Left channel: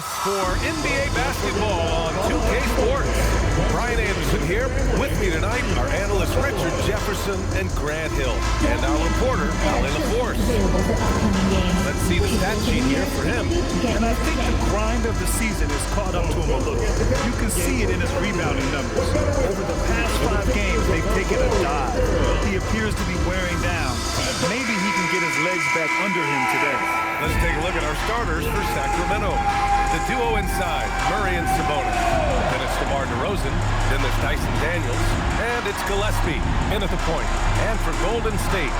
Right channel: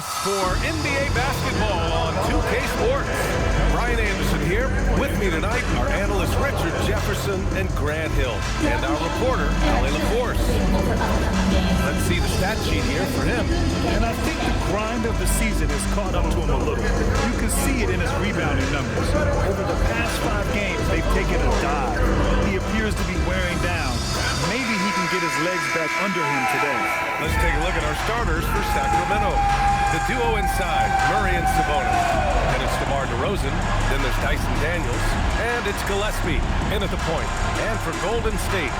Sabonis for NBA basketball on 2K Sports. Brian Anderson here. With me tonight are analysts Richard Jefferson and Grant Hill, and our reporter, Ali LaForce. Let's see the stat sheet here for him. And I think the grind of the season has caught up to him a little. You can see it in his rebounding numbers. Over the past 5 games, they've taken a dive. He appears to be wearing down. Maybe he can get his legs back under him today. Let's take a look at our starters for Sacramento. The duo inside, Murray and Sabonis. Then it's DeMar DeRozan. Then there's Dyson Daniels. And it's Gillespie in at the point. And for Golden State,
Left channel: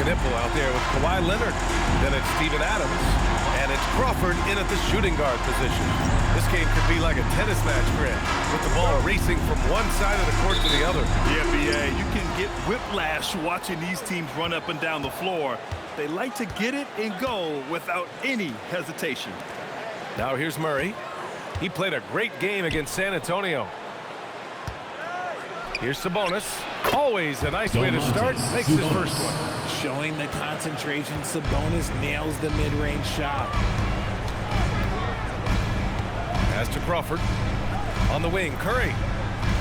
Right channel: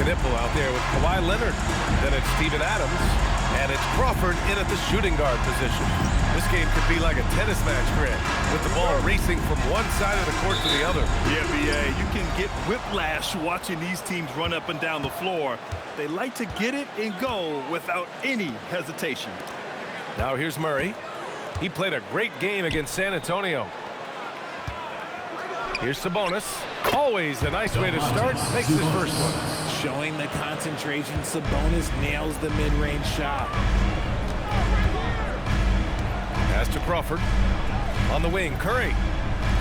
Knipple out there with Kawhi Leonard. Then it's Steven Adams. And it's Crawford in at the shooting guard position. This game could be like a tennis match, Grant, with the ball racing from one side of the court to the other. Yeah, B.A., you can get whiplash watching these teams run up and down the floor. They like to get it and go without any hesitation. Now here's Murray. He played a great game against San Antonio. Here's Sabonis. Always a nice way to start. Makes his first one. Showing the concentration, Sabonis nails the mid-range shot. Pass to Crawford. On the wing, Curry.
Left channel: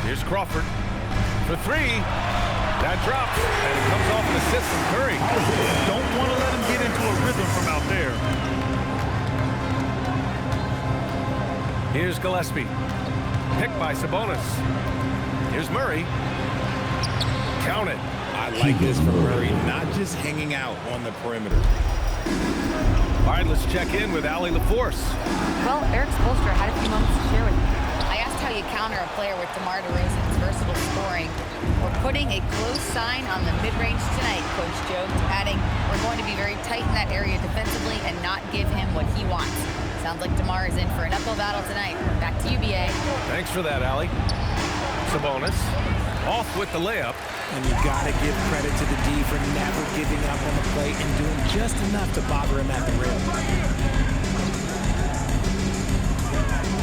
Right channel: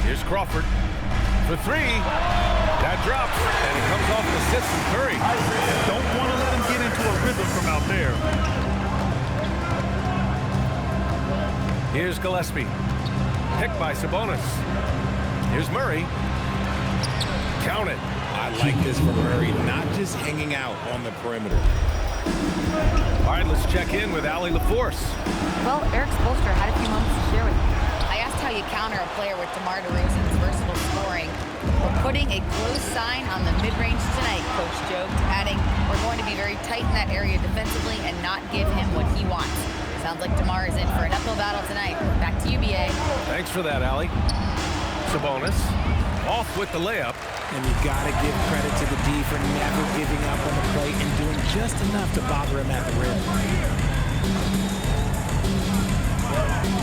Here's Crawford. For 3. That drops, and it comes off an assist from Curry. Don't want to let him get into a rhythm from out there. Here's Gillespie. Picked by Sabonis. Here's Murray. Count it. I like this from Murray, not just hanging out on the perimeter. All right, let's check in with Ali LaForce. Well, Eric Spoelstra had a few moments to share with you. I asked how you counter a player with DeMar DeRozan's versatile scoring. We're putting a close sign on the mid-range tonight, Coach joked, adding, we're going to be very tight in that area defensively and not give him what he wants. Sounds like DeMar is in for an uphill battle tonight. Back to you, B.A. Thanks for that, Ali. Sabonis off with the layup. And you got to give credit to the D for never giving up on the play and doing just enough to bother him at the rim.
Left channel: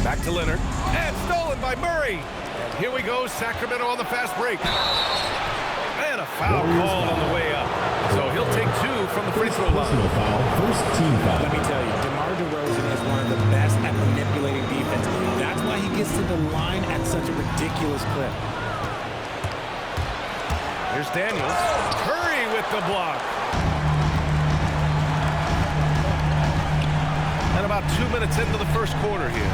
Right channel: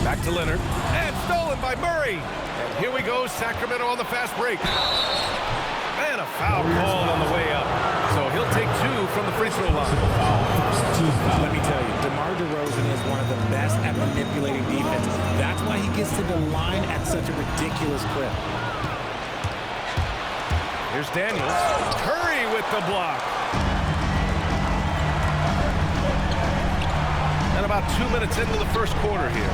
Back to Leonard. And stolen by Murray. And here we go, Sacramento on the fast break. And a foul called on the way up. So he'll take 2 from the free throw line. Let me tell you, DeMar DeRozan is one of the best at manipulating defense. That's why he gets to the line at such a ridiculous clip. Here's Daniels. Curry with the block. And about 2 minutes into the first quarter here.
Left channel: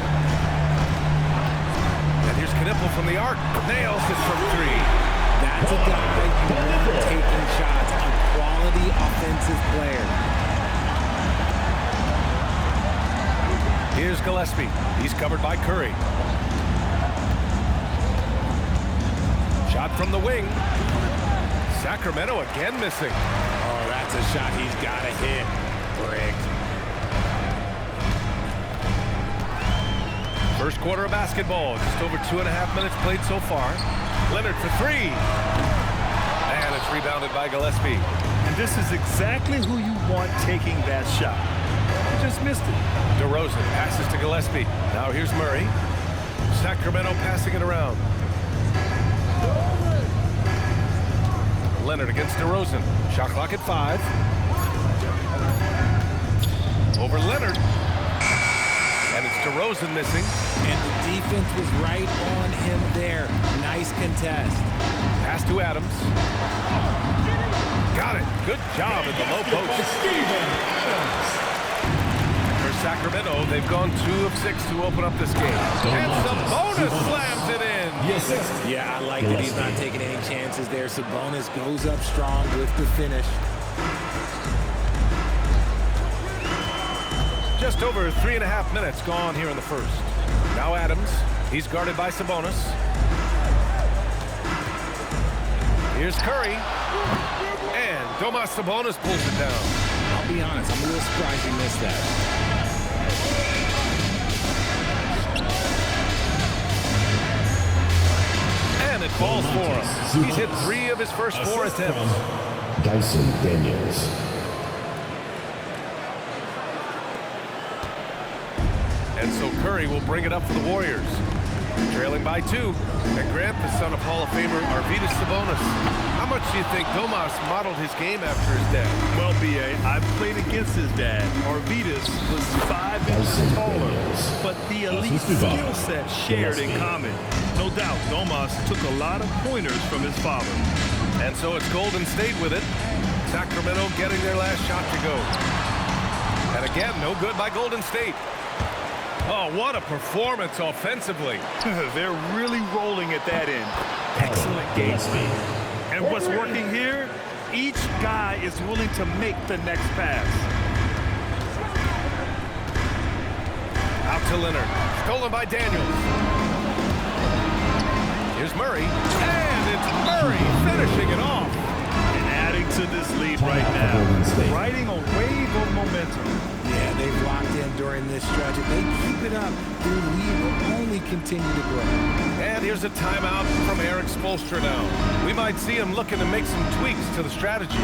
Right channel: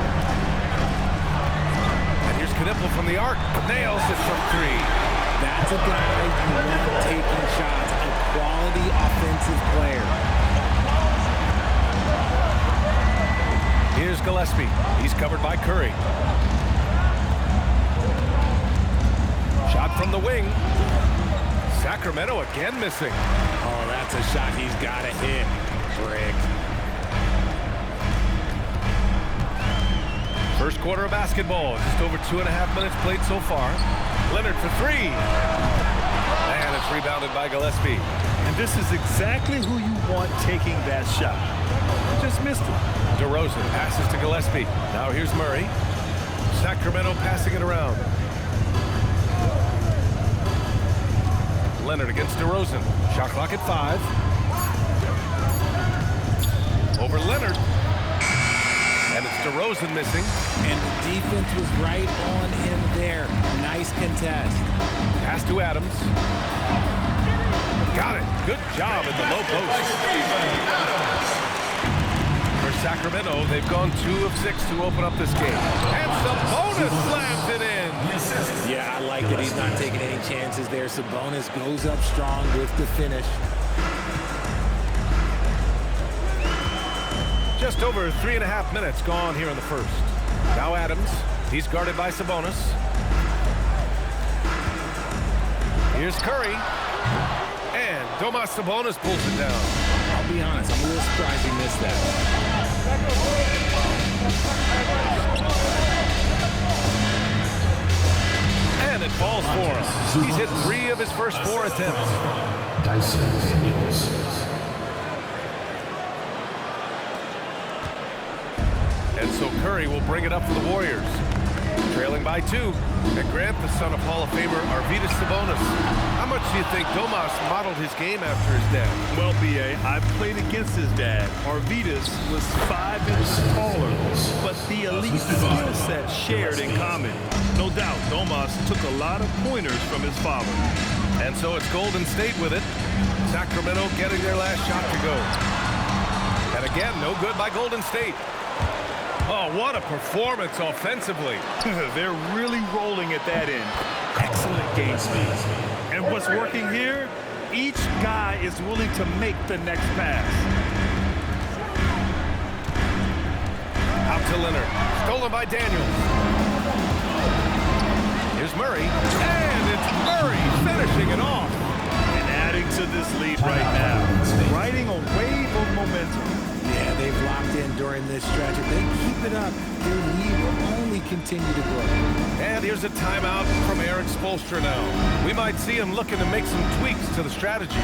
And here's Knipple from the arc. Nails it from 3. That's a guy you want taking shots, a quality offensive player. Here's Gillespie. He's covered by Curry. Shot from the wing. Sacramento again missing. Oh, that's a shot he's got to hit. Brick. First quarter of basketball. Just over 2.5 minutes played so far. Leonard for 3. And it's rebounded by Gillespie. And this is exactly who you want taking that shot. He just missed it. DeRozan passes to Gillespie. Now here's Murray. Sacramento passing it around. Leonard against DeRozan. Shot clock at 5. Over Leonard. And it's DeRozan missing. And the defense was right on him there. Nice contest. Pass to Adams. Got it. Good job in the low post. For Sacramento, they've gone 2 of 6 to open up this game. And Sabonis slams it in. Yeah, I like that he's not taking any chances there. Sabonis goes up strong with the finish. Just over 3.5 minutes gone here in the first. Now Adams. He's guarded by Sabonis. Here's Curry. And Domas Sabonis pulls it down. I'll be honest, I'm a little surprised he missed that. And it falls for him. He's hit 3 of his first 4 attempts. Dyson Daniels. And so Curry will bring it up for the Warriors. Trailing by 2. And Grant, the son of Hall of Famer Arvydas Sabonis. How much do you think Domas modeled his game after his dad? Well, B.A., I played against his dad. Arvydas was 5 inches taller, but the elite skill set shared in common. No doubt, Domas took a lot of pointers from his father. And so it's Golden State with it. Sacramento getting their last shot to go. And again, no good by Golden State. Oh, what a performance offensively. They're really rolling at that end. Excellent game plan. And what's working here? Each guy is willing to make the next pass. Out to Leonard. Stolen by Daniels. Here's Murray. And it's Murray finishing it off. And adding to this lead right now. Riding a wave of momentum. Yeah, they've locked in during this stretch. If they keep it up, their lead will only continue to grow. And here's a timeout from Eric Spoelstra now. We might see him looking to make some tweaks to the strategy.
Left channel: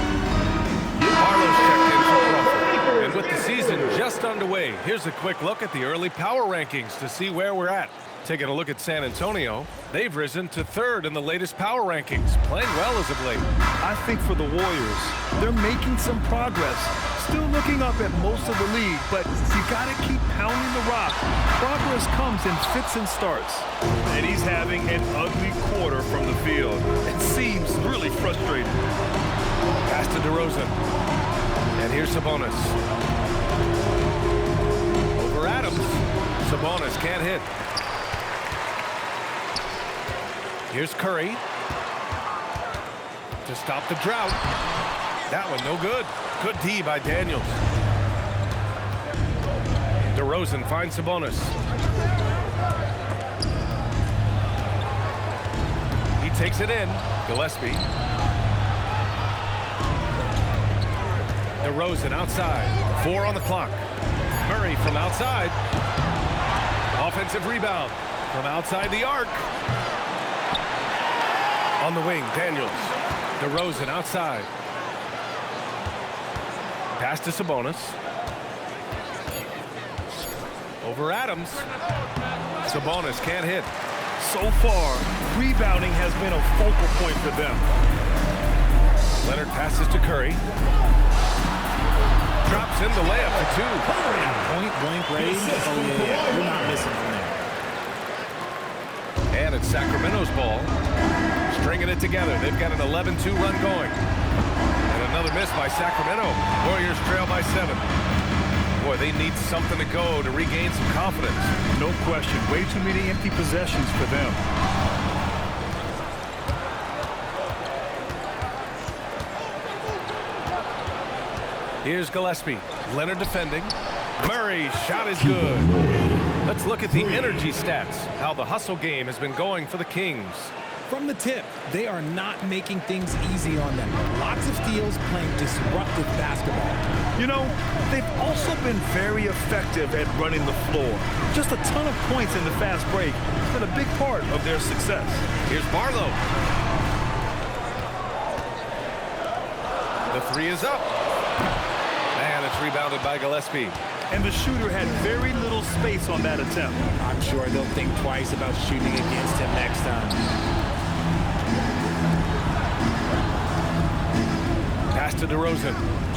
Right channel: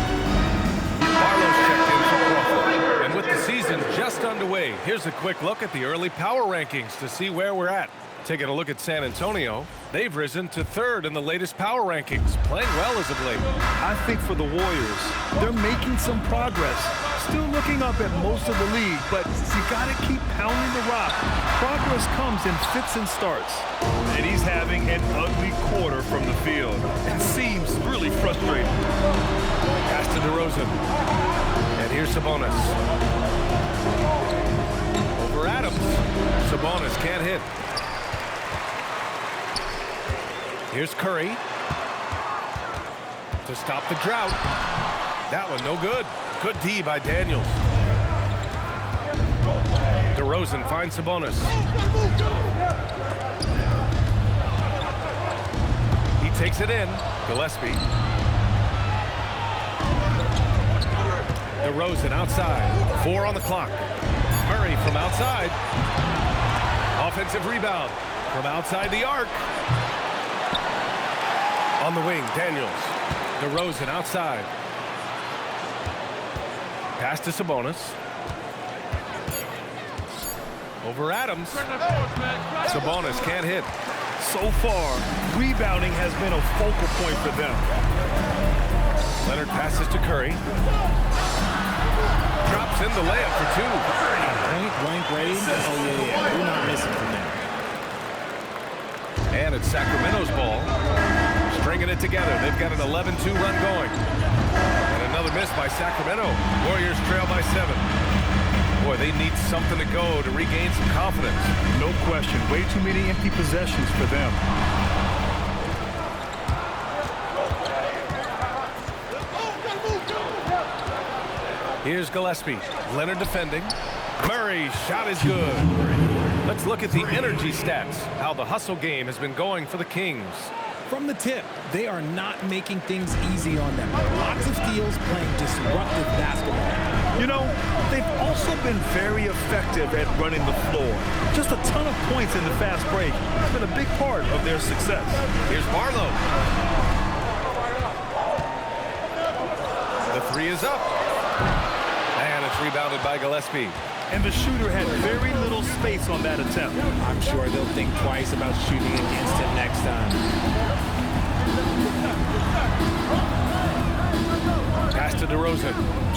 Barlow's checked in for Crawford. And with the season just underway, here's a quick look at the early power rankings to see where we're at. Taking a look at San Antonio, they've risen to 3rd in the latest power rankings, playing well as of late. I think for the Warriors, they're making some progress. Still looking up at most of the league, but you got to keep pounding the rock. Progress comes in fits and starts. And he's having an ugly quarter from the field and seems really frustrated. Pass to DeRozan. And here's Sabonis. Over Adams. Sabonis can't hit. Here's Curry to stop the drought. That one no good. Good D by Daniels. DeRozan finds Sabonis. He takes it in. Gillespie. DeRozan outside. 4 on the clock. Murray from outside. Offensive rebound from outside the arc. On the wing, Daniels. DeRozan outside. Pass to Sabonis. Over Adams. Sabonis can't hit. So far, rebounding has been a focal point for them. Leonard passes to Curry. Drops in the layup for 2. Point-blank range? Oh, yeah. You're not missing from there. And it's Sacramento's ball. Stringing it together. They've got an 11-2 run going. And another miss by Sacramento. Warriors trail by 7. Boy, they need something to go to regain some confidence. No question. Way too many empty possessions for them. Here's Gillespie. Leonard defending. Murray's shot is good. Let's look at the energy stats. How the hustle game has been going for the Kings. From the tip, they are not making things easy on them. Lots of steals, playing disruptive basketball. You know, they've also been very effective at running the floor. Just a ton of points in the fast break has been a big part of their success. Here's Barlow. The 3 is up. And it's rebounded by Gillespie. And the shooter had very little space on that attempt. I'm sure they'll think twice about shooting against him next time. Pass to DeRozan.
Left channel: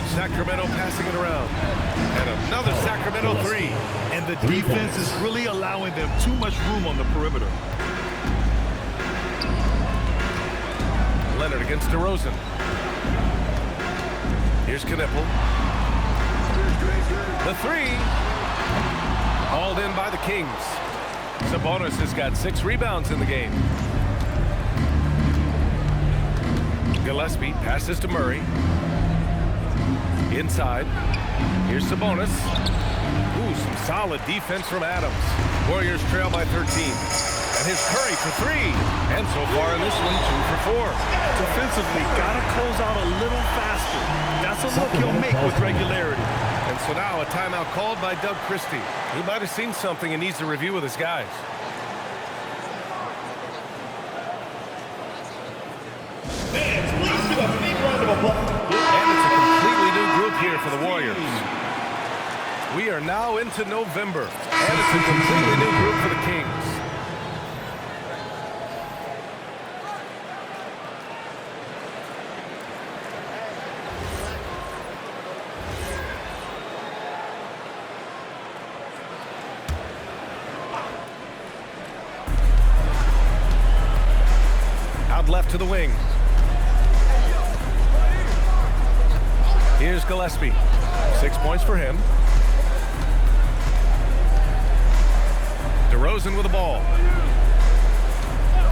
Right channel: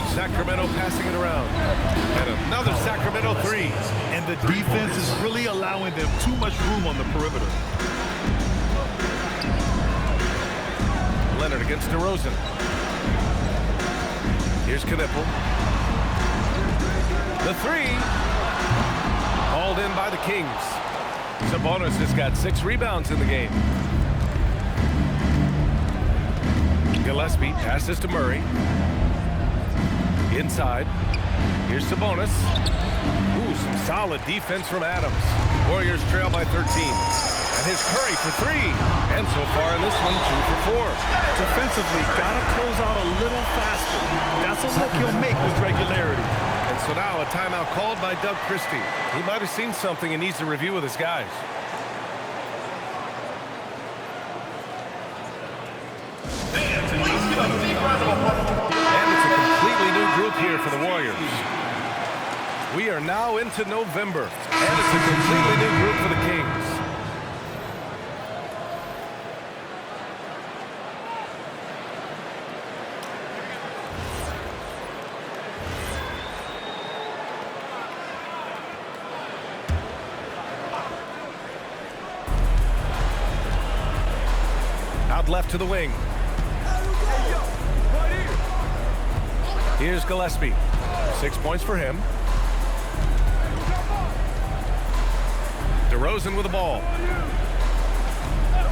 Sacramento passing it around. And another Sacramento 3. And the defense is really allowing them too much room on the perimeter. Leonard against DeRozan. Here's Knipple. The 3. Hauled in by the Kings. Sabonis has got 6 rebounds in the game. Gillespie passes to Murray. Inside. Here's Sabonis. Ooh, some solid defense from Adams. Warriors trail by 13. And here's Curry for 3. And so far in this one, 2 for 4. Defensively, gotta close out a little faster. That's a look he'll make with regularity. And so now a timeout called by Doug Christie. He might have seen something and needs to review with his guys. And it's a completely new group here for the Warriors. We are now into November, and it's a completely new group for the Kings. Out left to the wing. Here's Gillespie. 6 points for him. DeRozan with the ball.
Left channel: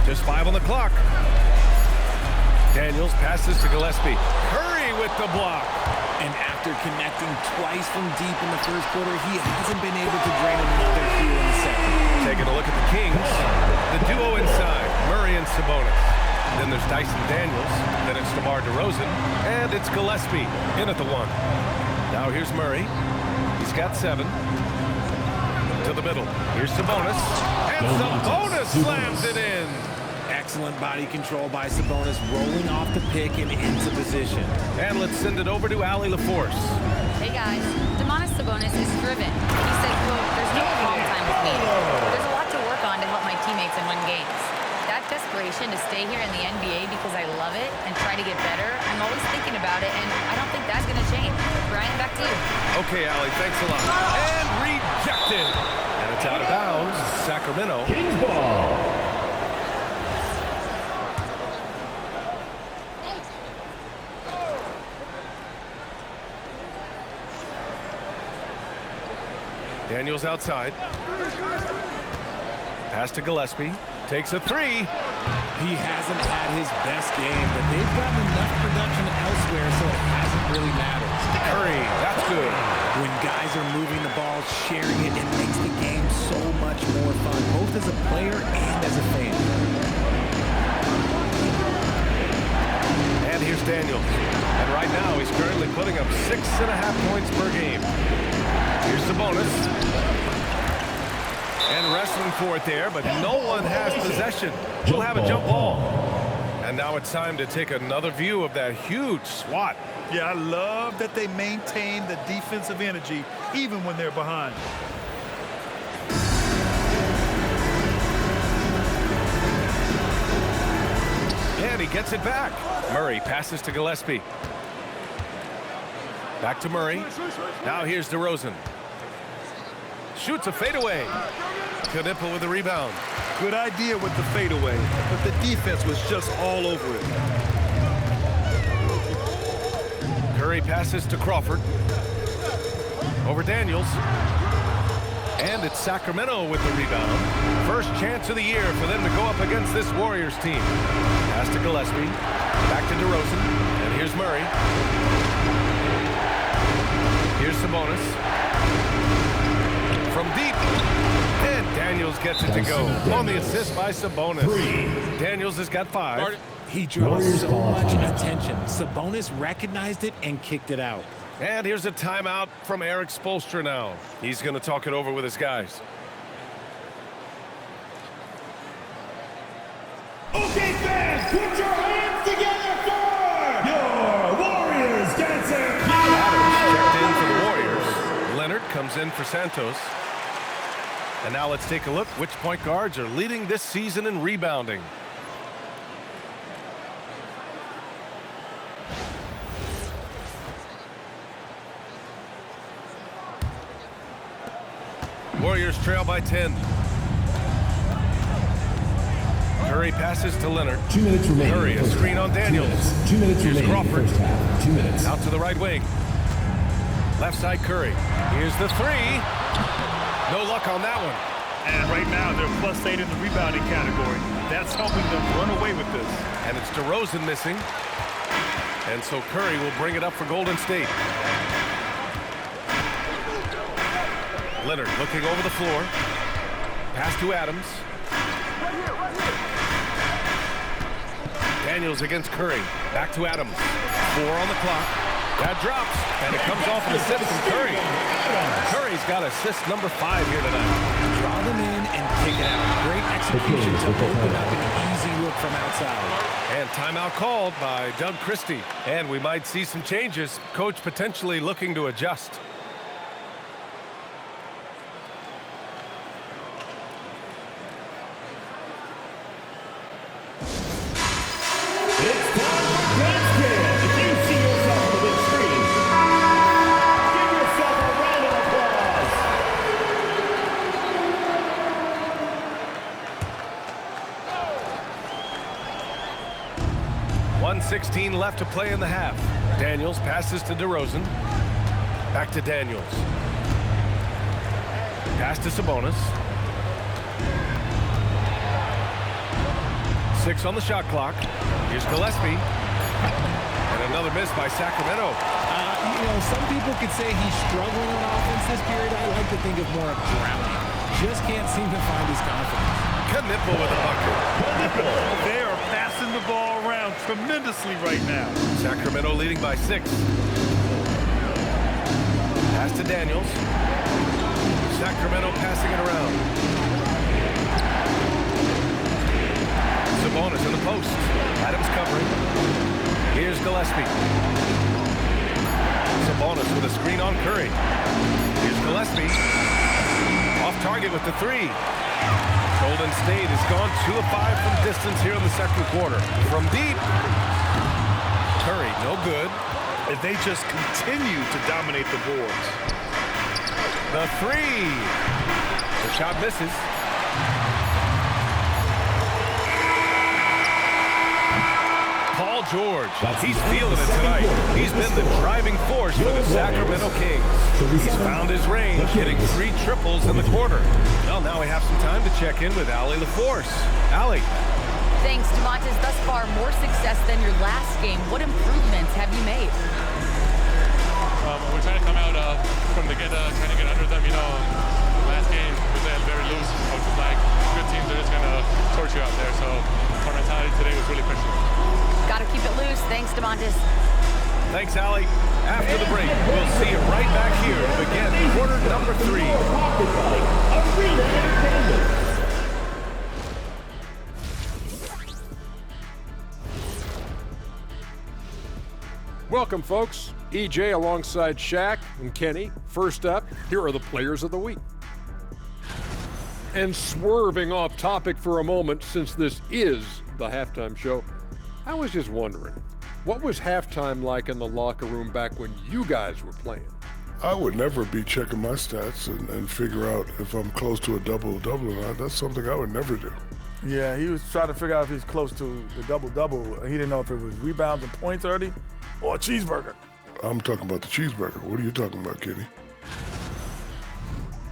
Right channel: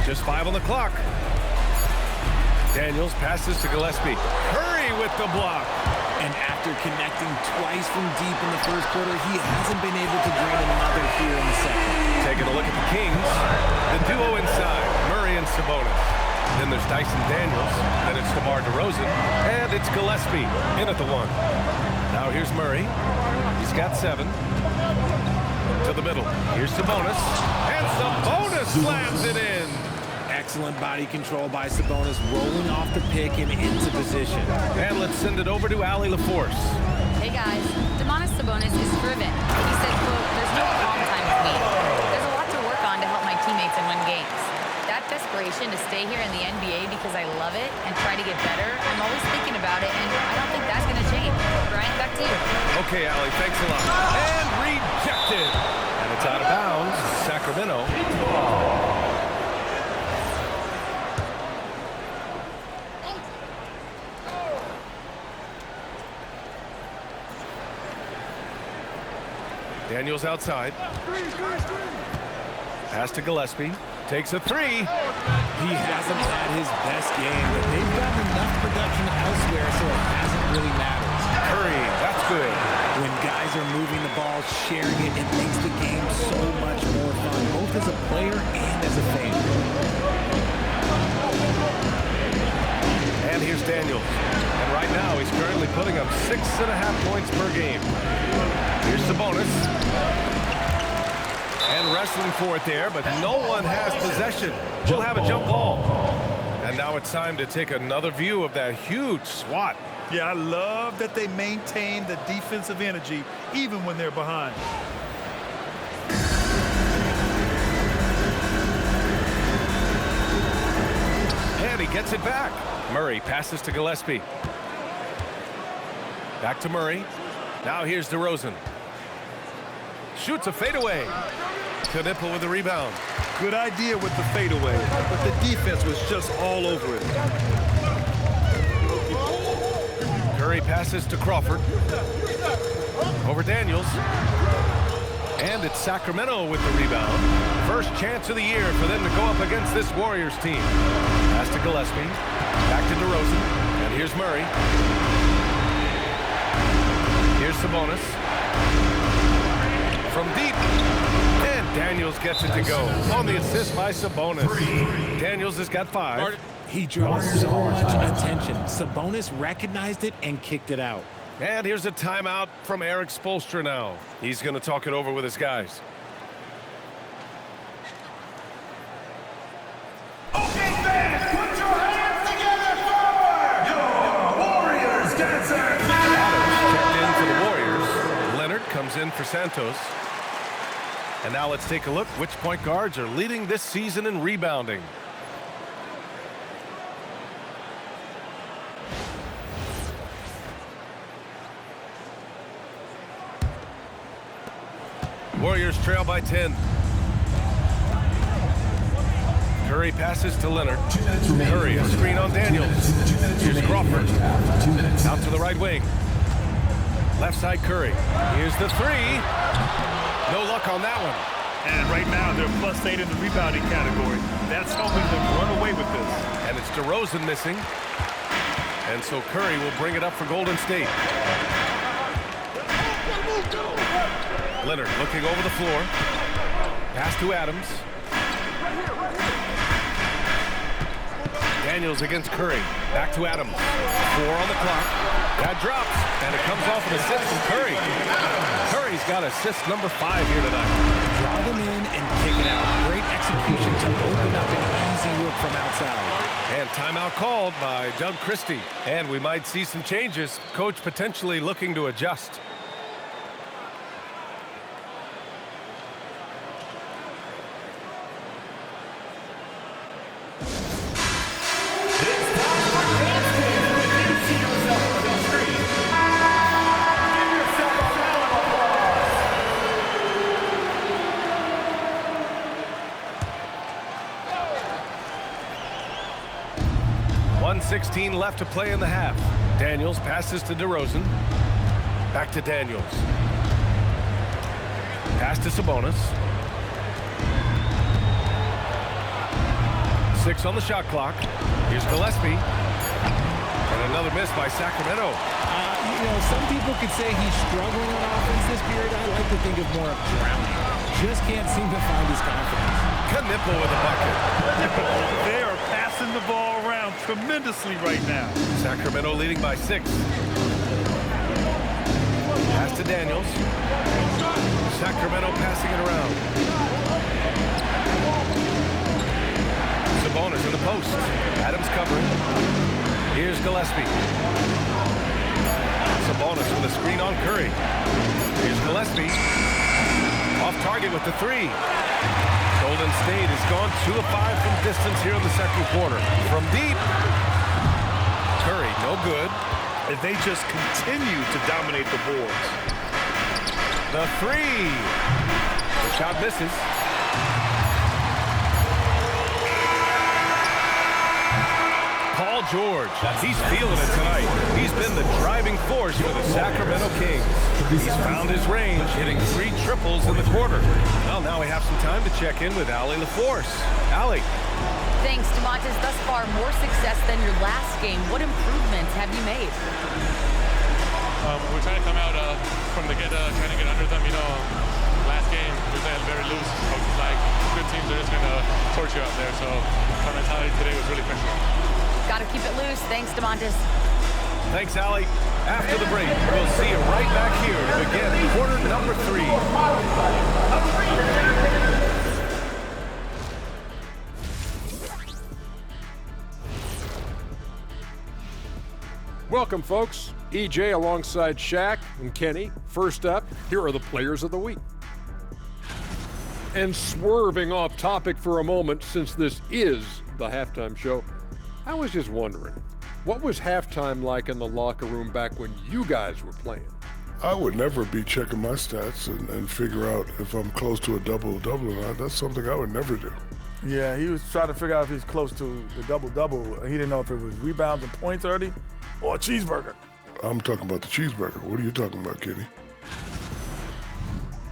Just 5 on the clock. Daniels passes to Gillespie. Curry with the block. And after connecting twice from deep in the first quarter, he hasn't been able to drain another here in the second. Taking a look at the Kings. The duo inside, Murray and Sabonis. Then there's Dyson Daniels. Then it's DeMar DeRozan. And it's Gillespie in at the 1. Now here's Murray. He's got 7. To the middle. Here's Sabonis. And Sabonis slams it in. Excellent body control by Sabonis, rolling off the pick and into position. And let's send it over to Allie LaForce. Hey guys, Domantas Sabonis is driven. He said, quote, "There's no calm time with me. There's a lot to work on to help my teammates and win games. That desperation to stay here in the NBA because I love it and try to get better, I'm always thinking about it, and I don't think that's going to change." Brian, back to you. Okay, Allie, thanks a lot. And rejected. And it's out of bounds. Sacramento. Daniels outside. Pass to Gillespie. Takes a 3. He hasn't had his best game, but they've gotten enough production elsewhere, so it hasn't really mattered. Curry, that's good. When guys are moving the ball, sharing it, it makes the game so much more fun, both as a player and as a fan. And here's Daniels. And right now, he's currently putting up 6.5 points per game. Here's Sabonis. And wrestling for it there, but no one has possession. We'll have a jump ball. And now it's time to take another view of that huge swat. Yeah, I love that they maintain the defensive energy even when they're behind. And he gets it back. Murray passes to Gillespie. Back to Murray. Now here's DeRozan. Shoots a fadeaway. Knipple with the rebound. Good idea with the fadeaway, but the defense was just all over it. Curry passes to Crawford. Over Daniels. And it's Sacramento with the rebound. First chance of the year for them to go up against this Warriors team. Pass to Gillespie. Back to DeRozan. And here's Murray. Here's Sabonis. From deep. And Daniels gets it to go. On the assist by Sabonis. Daniels has got 5. He draws so much attention. Sabonis recognized it and kicked it out. And here's a timeout from Eric Spoelstra now. He's going to talk it over with his guys. Okay, fans, put your hands together for your Warriors dancer. Adams checked in for the Warriors. Leonard comes in for Santos. And now let's take a look which point guards are leading this season in rebounding. Warriors trail by 10. Curry passes to Leonard. 2 minutes remaining. Curry, a screen on Daniels. 2 minutes Here's remaining. Crawford. First half. 2 minutes. Out to the right wing. Left side Curry. Here's the 3. No luck on that one. And right now, they're +8 in the rebounding category. That's helping them run away with this. And it's DeRozan missing. And so Curry will bring it up for Golden State. Leonard looking over the floor. Pass to Adams. Daniels against Curry. Back to Adams. 4 on the clock. That drops, and it comes off an assist from Curry. Curry's got assist number 5 here tonight. Draw them in and kick it out. Great execution to open up an easy look from outside. And timeout called by Doug Christie. And we might see some changes. Coach potentially looking to adjust. 1:16 left to play in the half. Daniels passes to DeRozan. Back to Daniels. Pass to Sabonis. 6 on the shot clock. Here's Gillespie. And another miss by Sacramento. You know, some people could say he's struggling on offense this period. I like to think of more of drowning. Just can't seem to find his confidence. Knipple with a bucket. They are passing the ball around tremendously right now. Sacramento leading by 6. Pass to Daniels. Sacramento passing it around. Sabonis in the post. Adams covering. Here's Gillespie. Sabonis with a screen on Curry. Here's Gillespie. Off target with the 3. Golden State has gone 2 of 5 from distance here in the second quarter. From deep. Curry, no good. If they just continue to dominate the boards. The 3. The shot misses. Paul George, he's feeling it tonight. He's been the driving force for the Sacramento Kings. He's found his range, hitting 3 triples in the quarter. Well, now we have some time to check in with Allie LaForce. Allie. Thanks, DeMontis. Thus far, more success than your last game. What improvements have you made? We're trying to come out from the get, trying to get under them. You know, last game we played very loose. Coach was like, good teams are just going to torch you out there. So our mentality today was really pressuring. Got to keep it loose. Thanks, DeMontis. Thanks, Allie. After the break, we'll see you right back here to begin quarter number 3. Welcome, folks. EJ alongside Shaq and Kenny. First up, here are the players of the week. And swerving off topic for a moment, since this is the halftime show, I was just wondering, what was halftime like in the locker room back when you guys were playing? I would never be checking my stats and figure out if I'm close to a double-double or not. That's something I would never do. Yeah, he was trying to figure out if he's close to the double-double. He didn't know if it was rebounds and points already or a cheeseburger. I'm talking about the cheeseburger. What are you talking about, Kenny?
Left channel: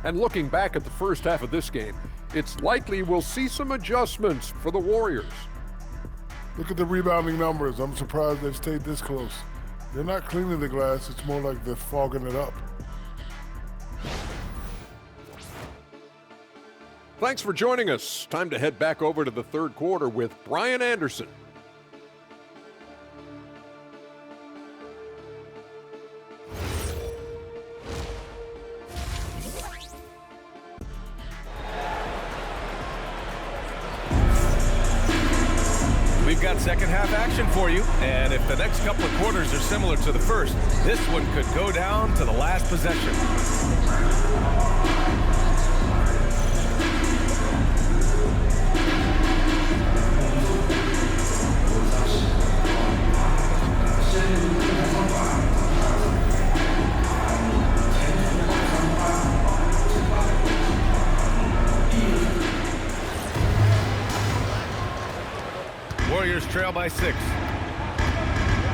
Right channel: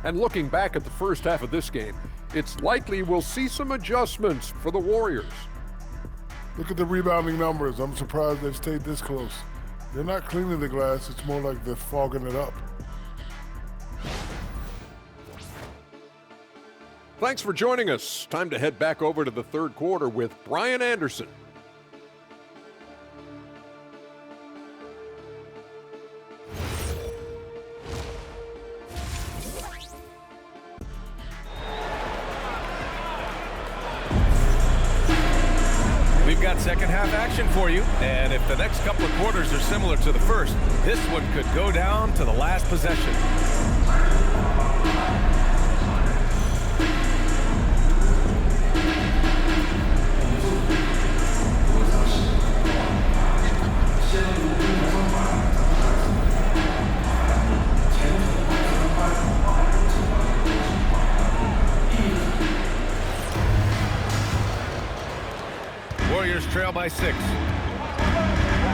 And looking back at the first half of this game, it's likely we'll see some adjustments for the Warriors. Look at the rebounding numbers. I'm surprised they've stayed this close. They're not cleaning the glass. It's more like they're fogging it up. Thanks for joining us. Time to head back over to the third quarter with Brian Anderson. We've got second half action for you, and if the next couple of quarters are similar to the first, this one could go down to the last possession. Warriors trail by 6.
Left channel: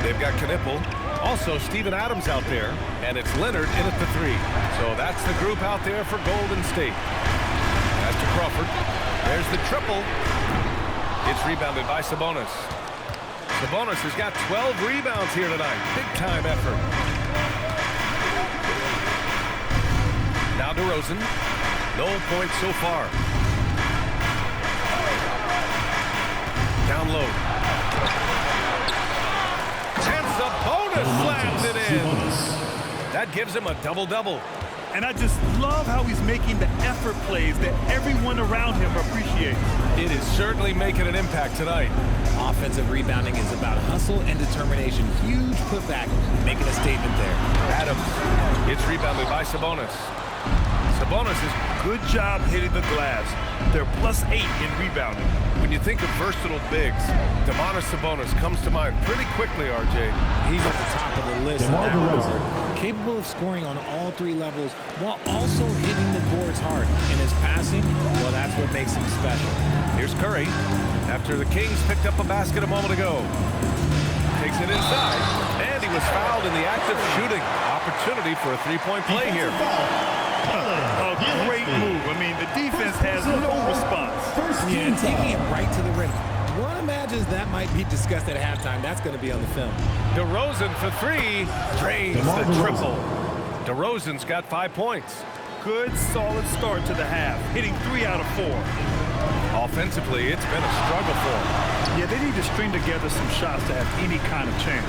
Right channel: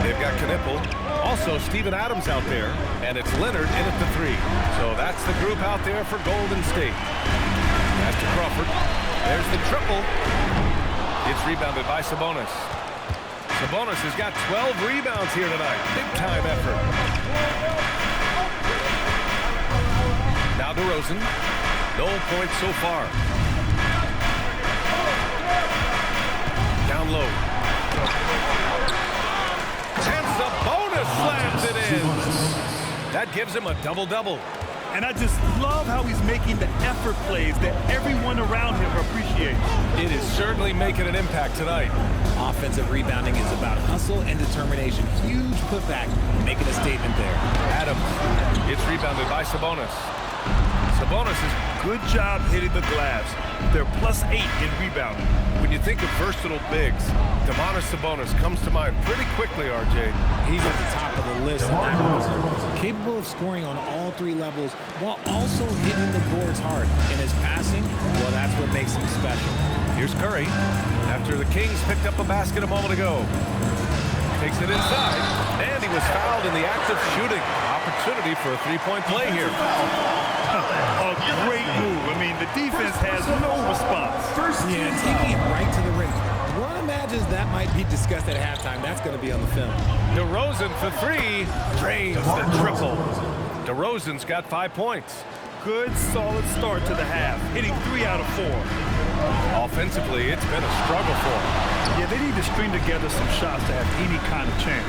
They've got Knipple. Also, Steven Adams out there. And it's Leonard in at the 3. So that's the group out there for Golden State. Pass to Crawford. There's the triple. It's rebounded by Sabonis. Sabonis has got 12 rebounds here tonight. Big-time effort. Now DeRozan. No points so far. Down low. And Sabonis slams it in. That gives him a double-double. And I just love how he's making the effort plays that everyone around him appreciates. It is certainly making an impact tonight. Offensive rebounding is about hustle and determination. Huge putback, making a statement there. Adams. It's rebounded by Sabonis. Sabonis is Good job hitting the glass. They're +8 in rebounding. When you think of versatile bigs, Domantas Sabonis comes to mind pretty quickly, RJ. He's at the top of the list in that regard. Capable of scoring on all 3 levels while also hitting the boards hard. And his passing, well, that's what makes him special. Here's Curry after the Kings picked up a basket a moment ago. takes it inside, and he was fouled in the act of shooting. Opportunity for a three-point play here. A great move. I mean, the defense has no response. Yeah, taking it right to the rim. One imagines that might be discussed at halftime. That's going to be on the film. DeRozan for three, drains the triple. DeRozan's got 5 points. Good, solid start to the half, hitting 3 out of 4. Offensively, it's been a struggle for him. Yeah, they need to string together some shots to have any kind of chance.